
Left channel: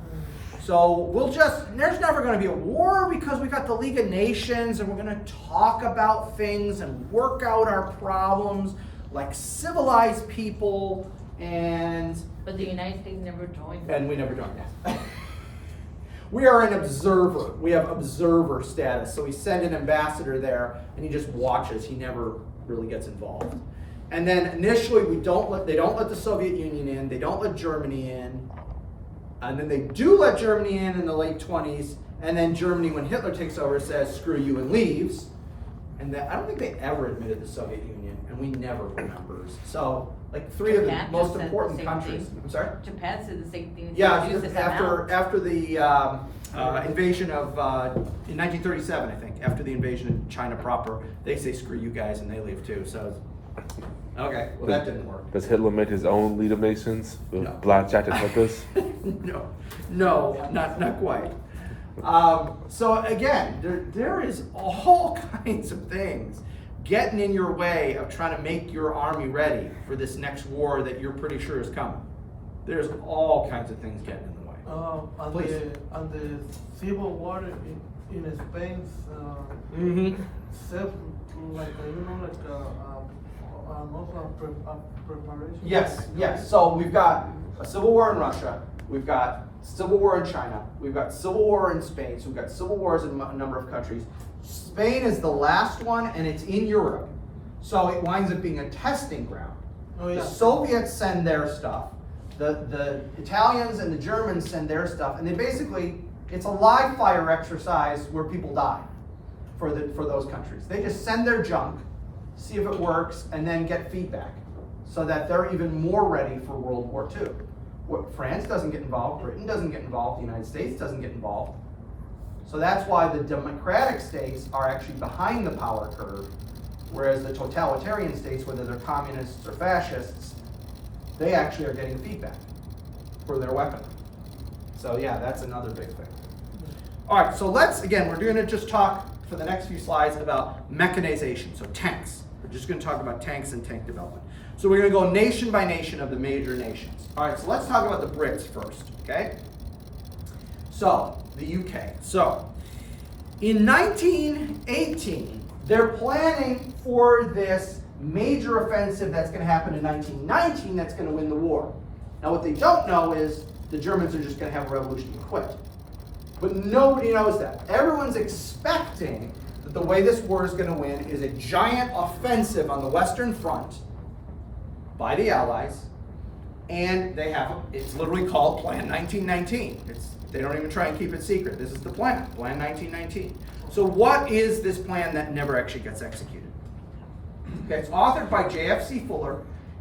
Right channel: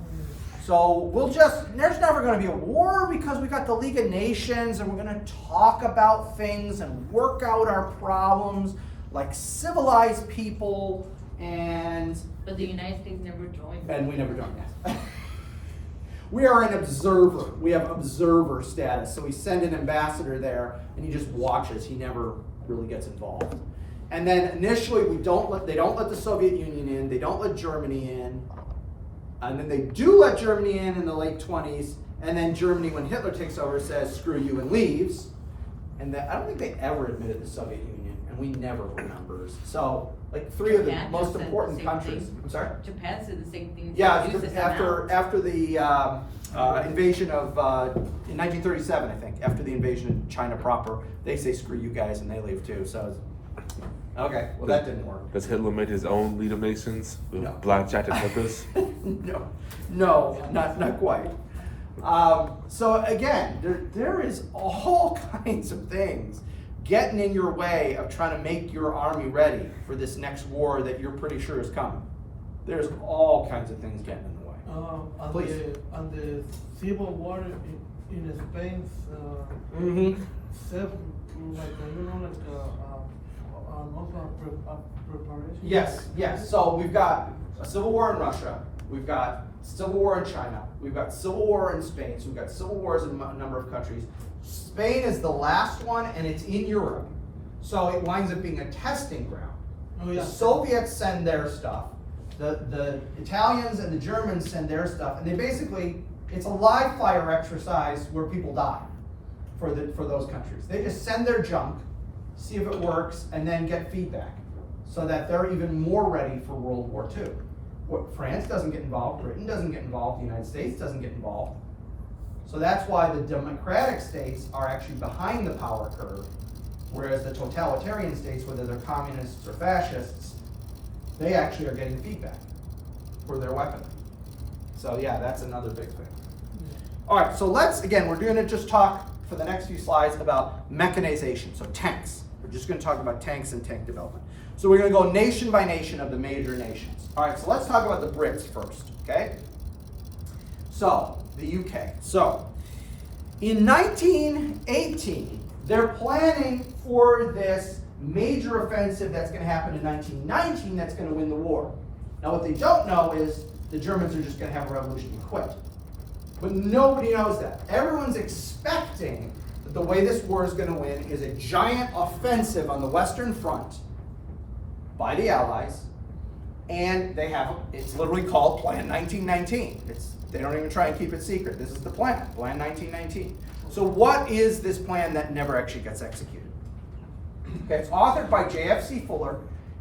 So there's never going to be a war because we got the League of Nations, and we're going to talk about things and work out our problems like civilized people. But the United States never joined. And we never joined that. We are an observer. We have observer status. So we send an ambassador there, and he just watches. He never really gets involved. And then initially, they don't let the Soviet Union in. They don't let Germany in. And then they do let Germany in the late 20s. And then Germany, when Hitler takes over, says, screw you, and leaves. And I don't think they ever admitted the Soviet Union, and we never were members. So, like, three of the Japan most said the important same countries. thing. I'm sorry? Japan said the same thing. Yeah, Reduce this after amount. the invasion of, in 1937, I think, after the invasion of China proper, they say, screw you guys, and they leave too. So, okay, well, that didn't work. Does Hitler make his own League of Nations with No. blackjack and hookers? No, not quite. So again, there is all kinds of things getting in your way of trying to make your army ready for this next war that you're pretty sure is coming. There's all kinds of things getting in the way. Please. On the civil war in Spain, Mm-hmm. self, also a preparation. Yes. So we've got a civil war in Russia. We've got civil war in China. We've got civil war in Spain. So we've got civil wars in a number of countries. Spain is the last one, and it's in Europe. So it winds up being a testing ground. Oh, yeah. The Soviets send their stuff. The Italians and the Germans send their stuff. And they basically, it's a live fire exercise where people die for those countries. They just send their junk, see if it works, and then get feedback so that they're even more ready for World War II. France doesn't get involved, Britain doesn't get involved, the United States doesn't get involved. So that's why the democratic states are actually behind the power curve, whereas the totalitarian states, whether they're communists or fascists, they actually are getting feedback for their weaponry. So yeah, that's another big thing. All right, so we're going to just talk for the next few slides about mechanization, so tanks. We're just going to talk about tanks and tank development. So we're going to go nation by nation of the major nations. All right, so let's talk about the Brits first, okay? So, the UK. So, in 1918, they're planning for this major offensive that's going to happen in 1919 that's going to win the war. Now, what they don't know is the Germans are just going to have a revolution and quit. But nobody knows that. Everyone's expecting that the way this war is going to win is a giant offensive on the Western Front by the Allies, and it's literally called Plan 1919. They don't even try and keep it secret. This is the plan, Plan 1919. So what is this plan that never actually gets executed? Okay, it's authored by J.F.C. Fuller.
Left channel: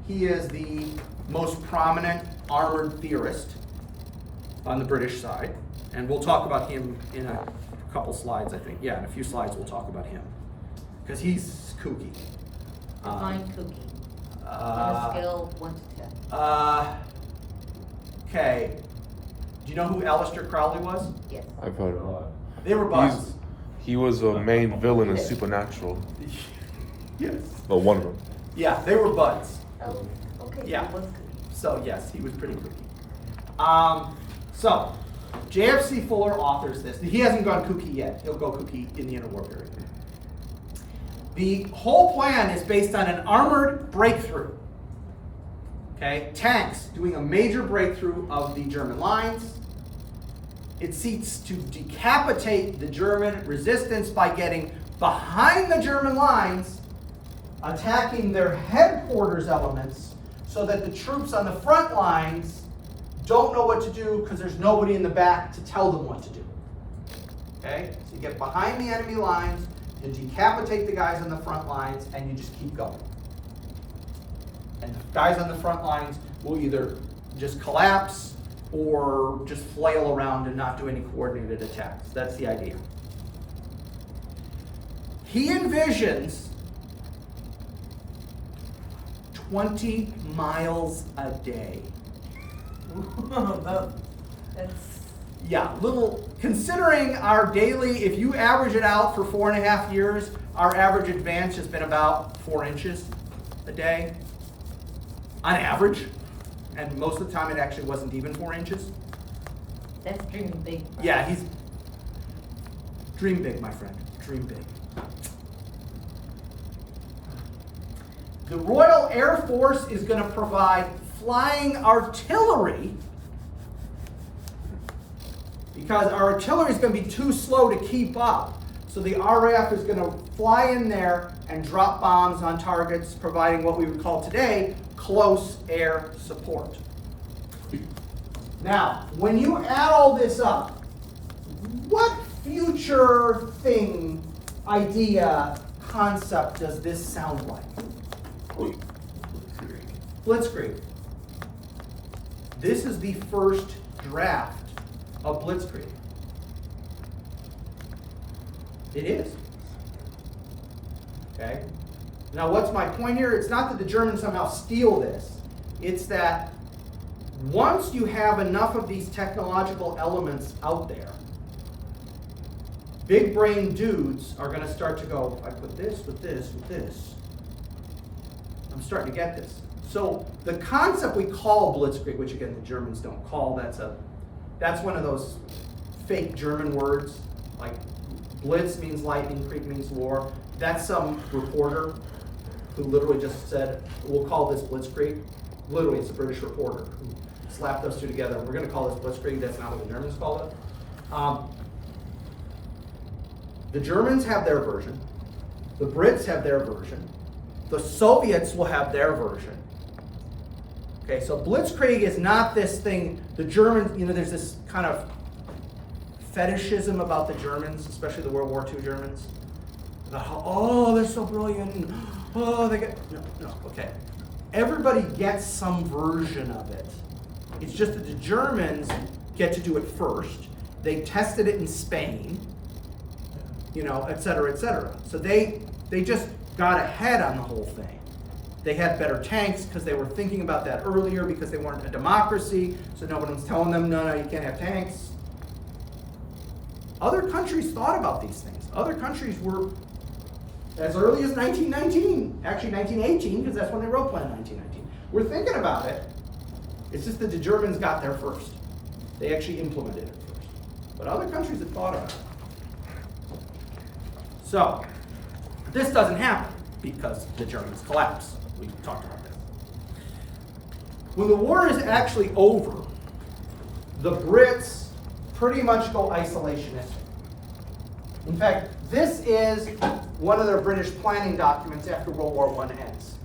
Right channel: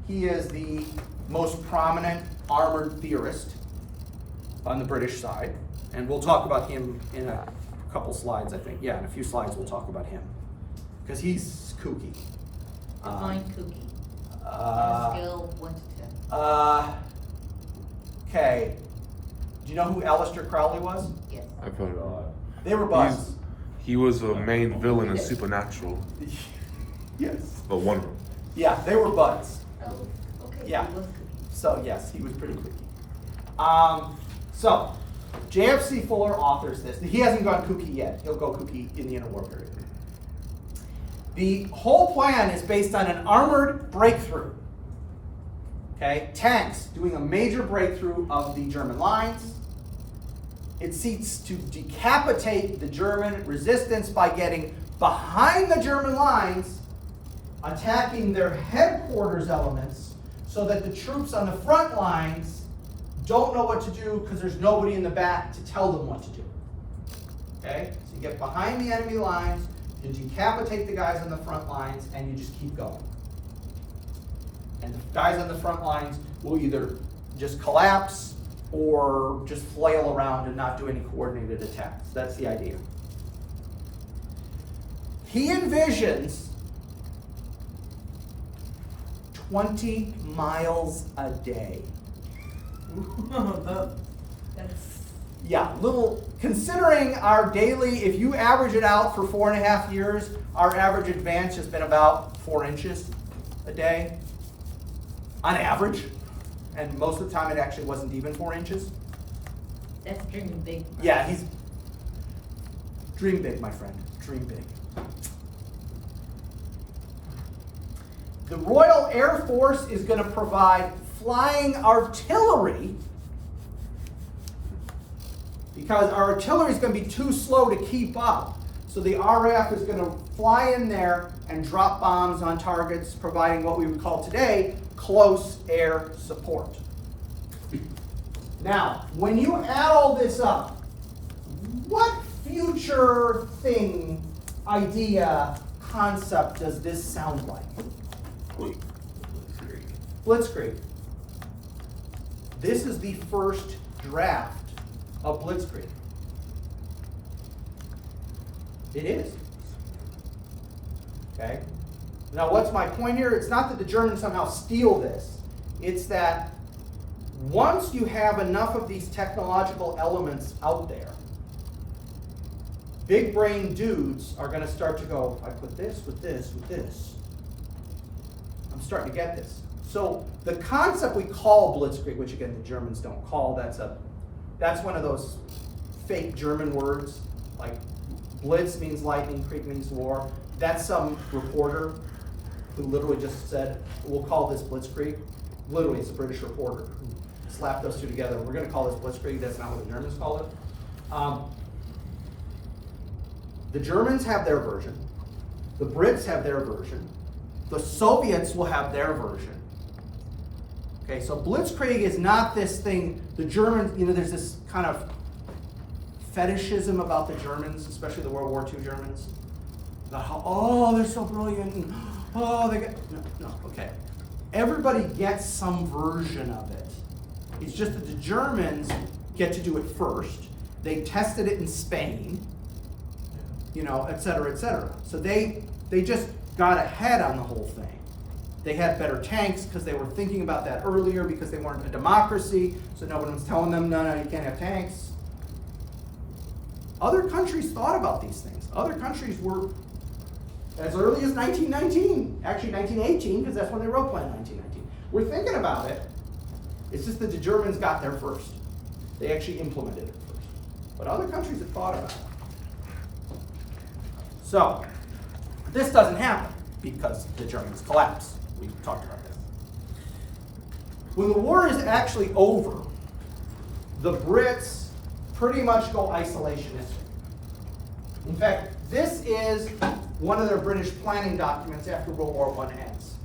He is the most prominent armored theorist on the British side, and we'll talk about him in a couple slides, I think. Yeah, in a few slides we'll talk about him, because he's kooky. Define cookie. On a scale of 1 to 10. Okay. Do you know who Aleister Crowley was? Yes. I've heard of him. They were buds. He was a main villain in Supernatural, Yes. but one of them. Yeah, they were buds. Oh, okay. Yeah. It was cookie. So yes, he was pretty kooky. So J.F.C. Fuller authors this. He hasn't gone kooky yet. He'll go kooky in the interwar period. The whole plan is based on an armored breakthrough. Okay, tanks doing a major breakthrough of the German lines. It seeks to decapitate the German resistance by getting behind the German lines, attacking their headquarters elements so that the troops on the front lines don't know what to do because there's nobody in the back to tell them what to do. Okay, so you get behind the enemy lines, you decapitate the guys on the front lines, and you just keep going. And the guys on the front lines will either just collapse or just flail around and not do any coordinated attacks. That's the idea. He envisions 20 miles a day. That's, Yeah, little, considering our daily, if you average it out for 4.5 years, our average advance has been about 4 inches a day, on average. And most of the time it actually wasn't even 4 inches. that's dreaming big. Yeah, he's, dream big, my friend, dream big. The Royal Air Force is going to provide flying artillery because our artillery is going to be too slow to keep up. So the RAF is going to fly in there and drop bombs on targets, providing what we would call today close air support. Now, when you add all this up, what future thing, idea, concept does this sound like? Blitzkrieg. This is the first draft of Blitzkrieg. It is. Okay? Now, what's my point here? It's not that the Germans somehow steal this. It's that once you have enough of these technological elements out there, big brain dudes are going to start to go, I put this with this with this. I'm starting to get this. So the concept we call Blitzkrieg, which again the Germans don't call, that's one of those fake German words. Like Blitz means lightning, Krieg means war. That's some reporter who literally just said, we'll call this Blitzkrieg. Literally, it's a British reporter who slapped those two together. We're going to call this Blitzkrieg. That's not what the Germans call it. The Germans have their version. The Brits have their version. The Soviets will have their version. Okay, so Blitzkrieg is not this thing, the Germans, there's this kind of fetishism about the Germans, especially the World War II Germans. About how, oh, they're so brilliant, and oh, they get, no, okay. Everybody gets some version of it. It's just that the Germans get to do it first. They tested it in Spain, et cetera, et cetera. So they just got ahead on the whole thing. They had better tanks because they were thinking about that earlier because they weren't a democracy, so nobody was telling them, no, you can't have tanks. Other countries thought about these things. Other countries were, as early as 1919, actually 1918, because that's when they wrote Plan 1919. We're thinking about it. It's just that the Germans got there first. They actually implemented it first. But other countries had thought about it. So, this doesn't happen because the Germans collapse. We talked about this. When the war is actually over, the Brits pretty much go isolationistic. In fact, this is one of their British planning documents after World War I ends.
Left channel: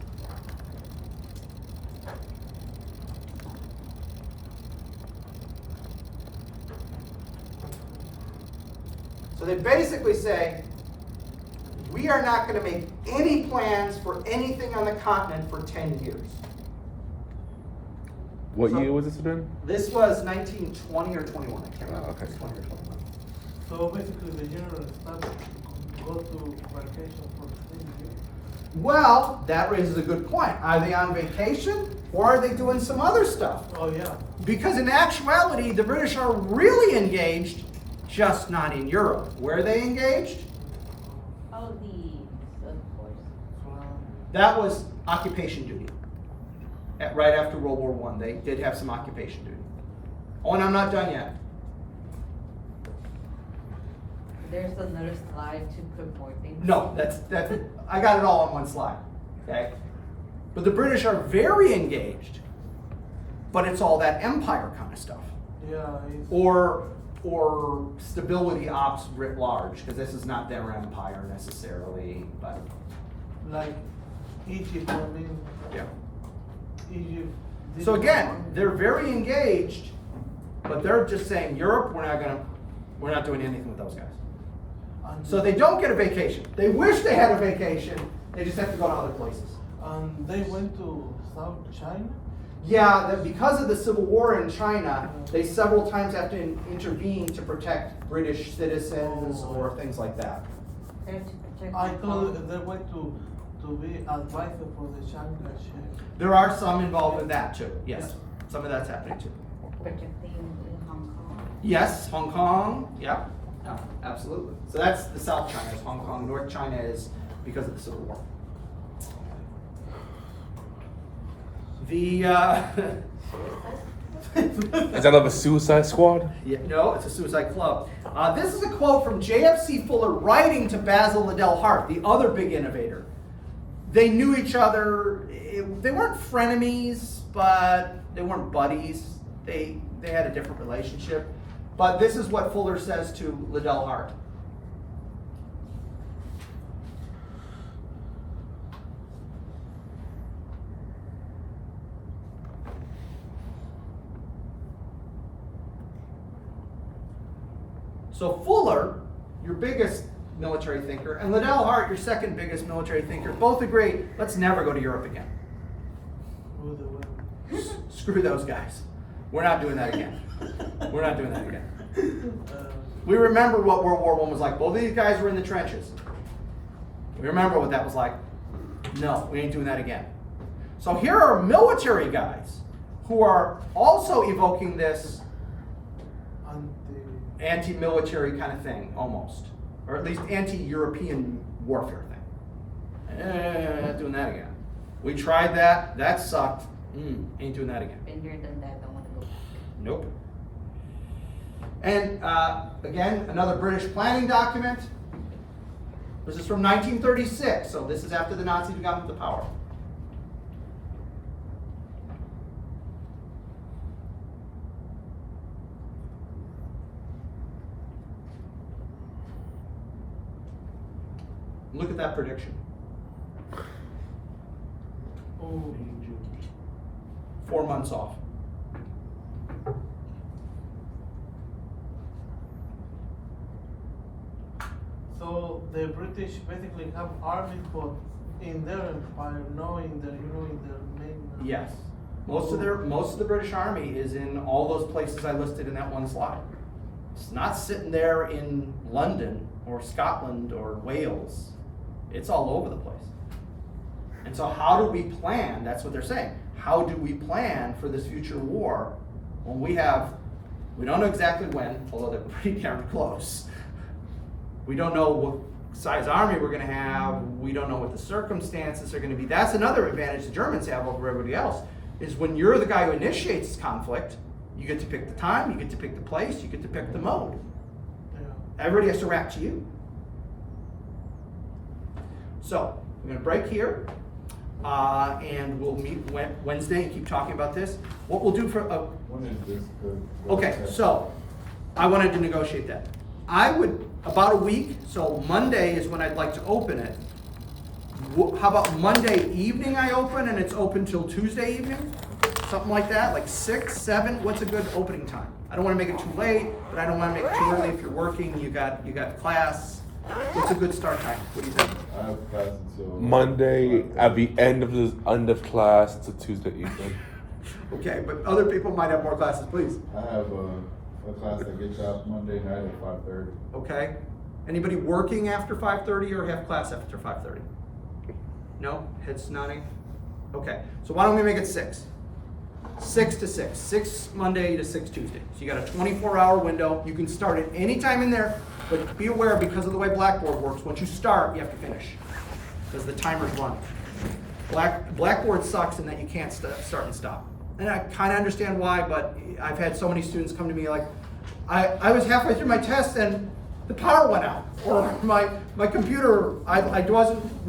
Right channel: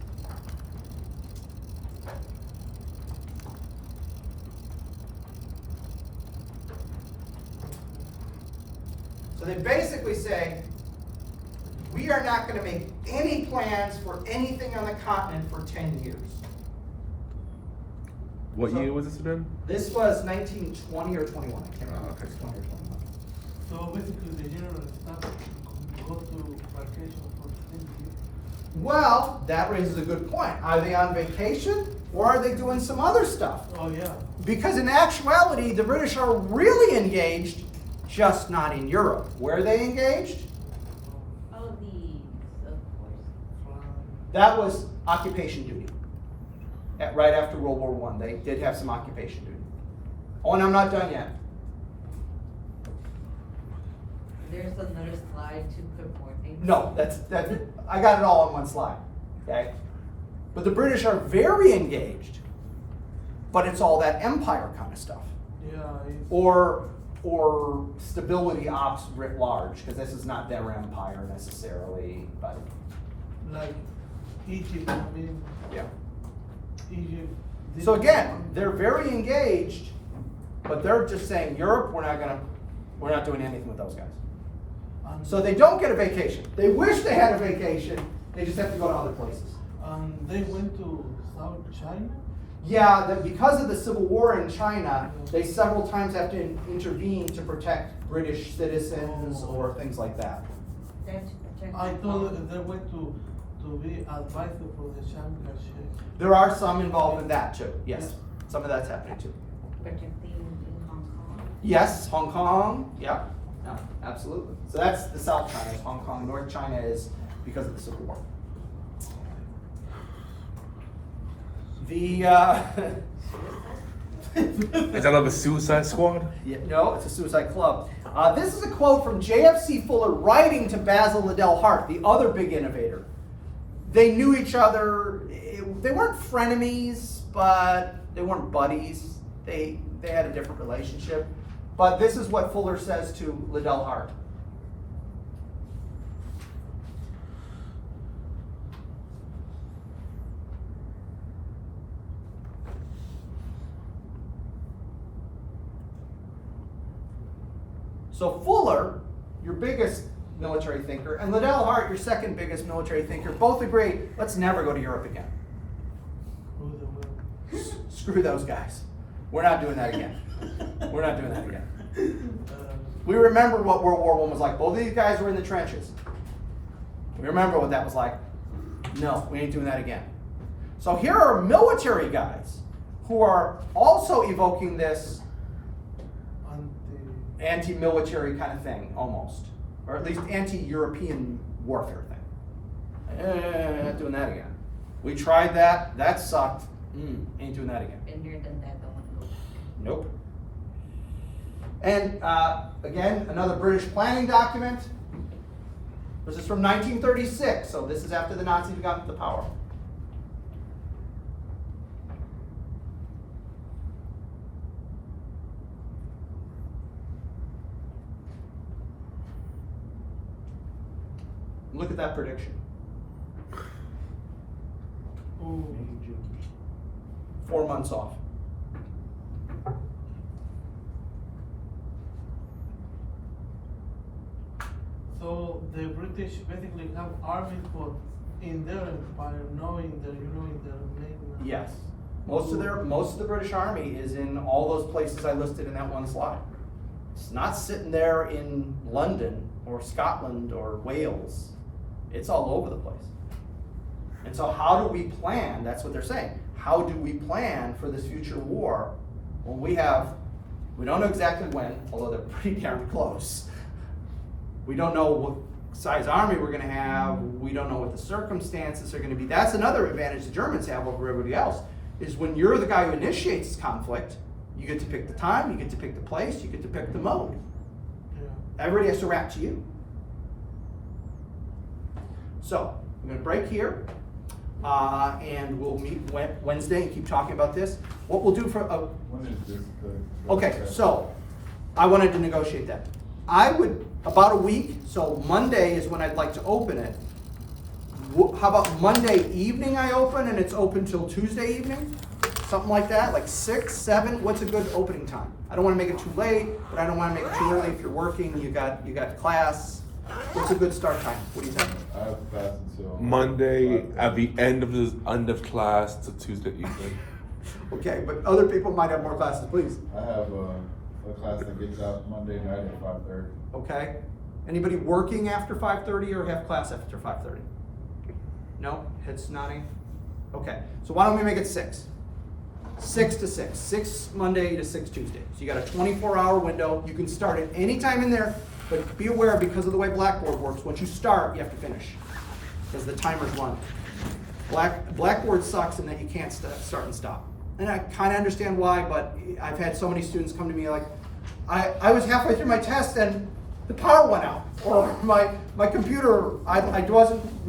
So they basically say, we are not going to make any plans for anything on the continent for 10 years. What year was this again? This was 1920 or 21. I can't remember if it was 20 or 21. So basically the general staff go to vacation for 10 years. Well, that raises a good point. Are they on vacation or are they doing some other stuff? Oh yeah. Because in actuality, the British are really engaged, just not in Europe. Where are they engaged? Oh, of course. That was occupation duty. Right after World War I, they did have some occupation duty. Oh, and I'm not done yet. There's another slide to put more things. No, that's I got it all on one slide. Okay? But the British are very engaged but it's all that empire kind of stuff. Yeah, it's, Or stability ops writ large, because this is not their empire necessarily, but like Egypt, I mean, yeah. Egypt. So again, they're very engaged, but they're just saying, Europe, we're not doing anything with those guys. So they don't get a vacation. They wish they had a vacation, they just have to go to other places. And they went to South China? Yeah, that because of the civil war in China, they several times have to intervene to protect British citizens or things like that. They're to protect. I the thought colony. they went to be advisor for the Shanghai Shake. There are some involved in that too, yes. Some of that's happening too. Protecting in Hong Kong. Yes, Hong Kong, yeah, no, absolutely. So that's the South China is Hong Kong, North China is because of the Civil War. The, Is that like a Suicide Squad? yeah, no, it's a suicide club. This is a quote from JFC Fuller writing to Basil Liddell Hart, the other big innovator. They knew each other. They weren't frenemies, but they weren't buddies. They had a different relationship. But this is what Fuller says to Liddell Hart. So Fuller, your biggest military thinker, and Liddell Hart, your second biggest military thinker, both agree, let's never go to Europe again. Who they were. Screw those guys. We're not doing that again. We're not doing that again. Uh, We remember what World War I was like. Both of these guys were in the trenches. We remember what that was like. No, we ain't doing that again. So here are military guys who are also evoking this and anti-military kind of thing, almost. Or at least anti-European warfare thing. Not doing that again. We tried that. That sucked. Ain't doing that again. Been here, done that, don't want to do. Nope. And again, another British planning document. This is from 1936, so this is after the Nazis got into power. Look at that prediction. oh, 4 months off. so the British basically have armies, but in their empire, knowing that in their main. Yes. Most of the British Army is in all those places I listed in that one slide. It's not sitting there in London or Scotland or Wales. It's all over the place. And so how do we plan? That's what they're saying. How do we plan for this future war when we don't know exactly when, although they're pretty darn close. We don't know what size army we're gonna have. We don't know what the circumstances are gonna be. That's another advantage the Germans have over everybody else, is when you're the guy who initiates this conflict, you get to pick the time, you get to pick the place, you get to pick the mode. Yeah. Everybody has to react to you. So, we're gonna break here, and we'll meet Wednesday and keep talking about this. What we'll do for, When is this the? okay, so, I wanted to negotiate that. I would, about a week, so Monday is when I'd like to open it. How about Monday evening I open and it's open till Tuesday evening? Something like that, like 6, 7, what's a good opening time? I don't wanna make it too late, but I don't wanna make it too early if you're working, you got class. What's a good start time? What do you think? I have class until. Monday 5:30. at the end of class to Tuesday evening. Okay, but other people might have more classes, please. I have a class that gets out Monday night at 5:30. Okay? Anybody working after 5:30 or have class after 5:30? No? Heads nodding? Okay, so why don't we make it 6? 6 to 6. 6 Monday to 6 Tuesday. So you got a 24-hour window. You can start at any time in there, but be aware because of the way Blackboard works, once you start, you have to finish. Because the timer's run. Blackboard sucks in that you can't start and stop. And I kind of understand why, but I've had so many students come to me like, I was halfway through my test and the power went out. Or my computer, I wasn't realizing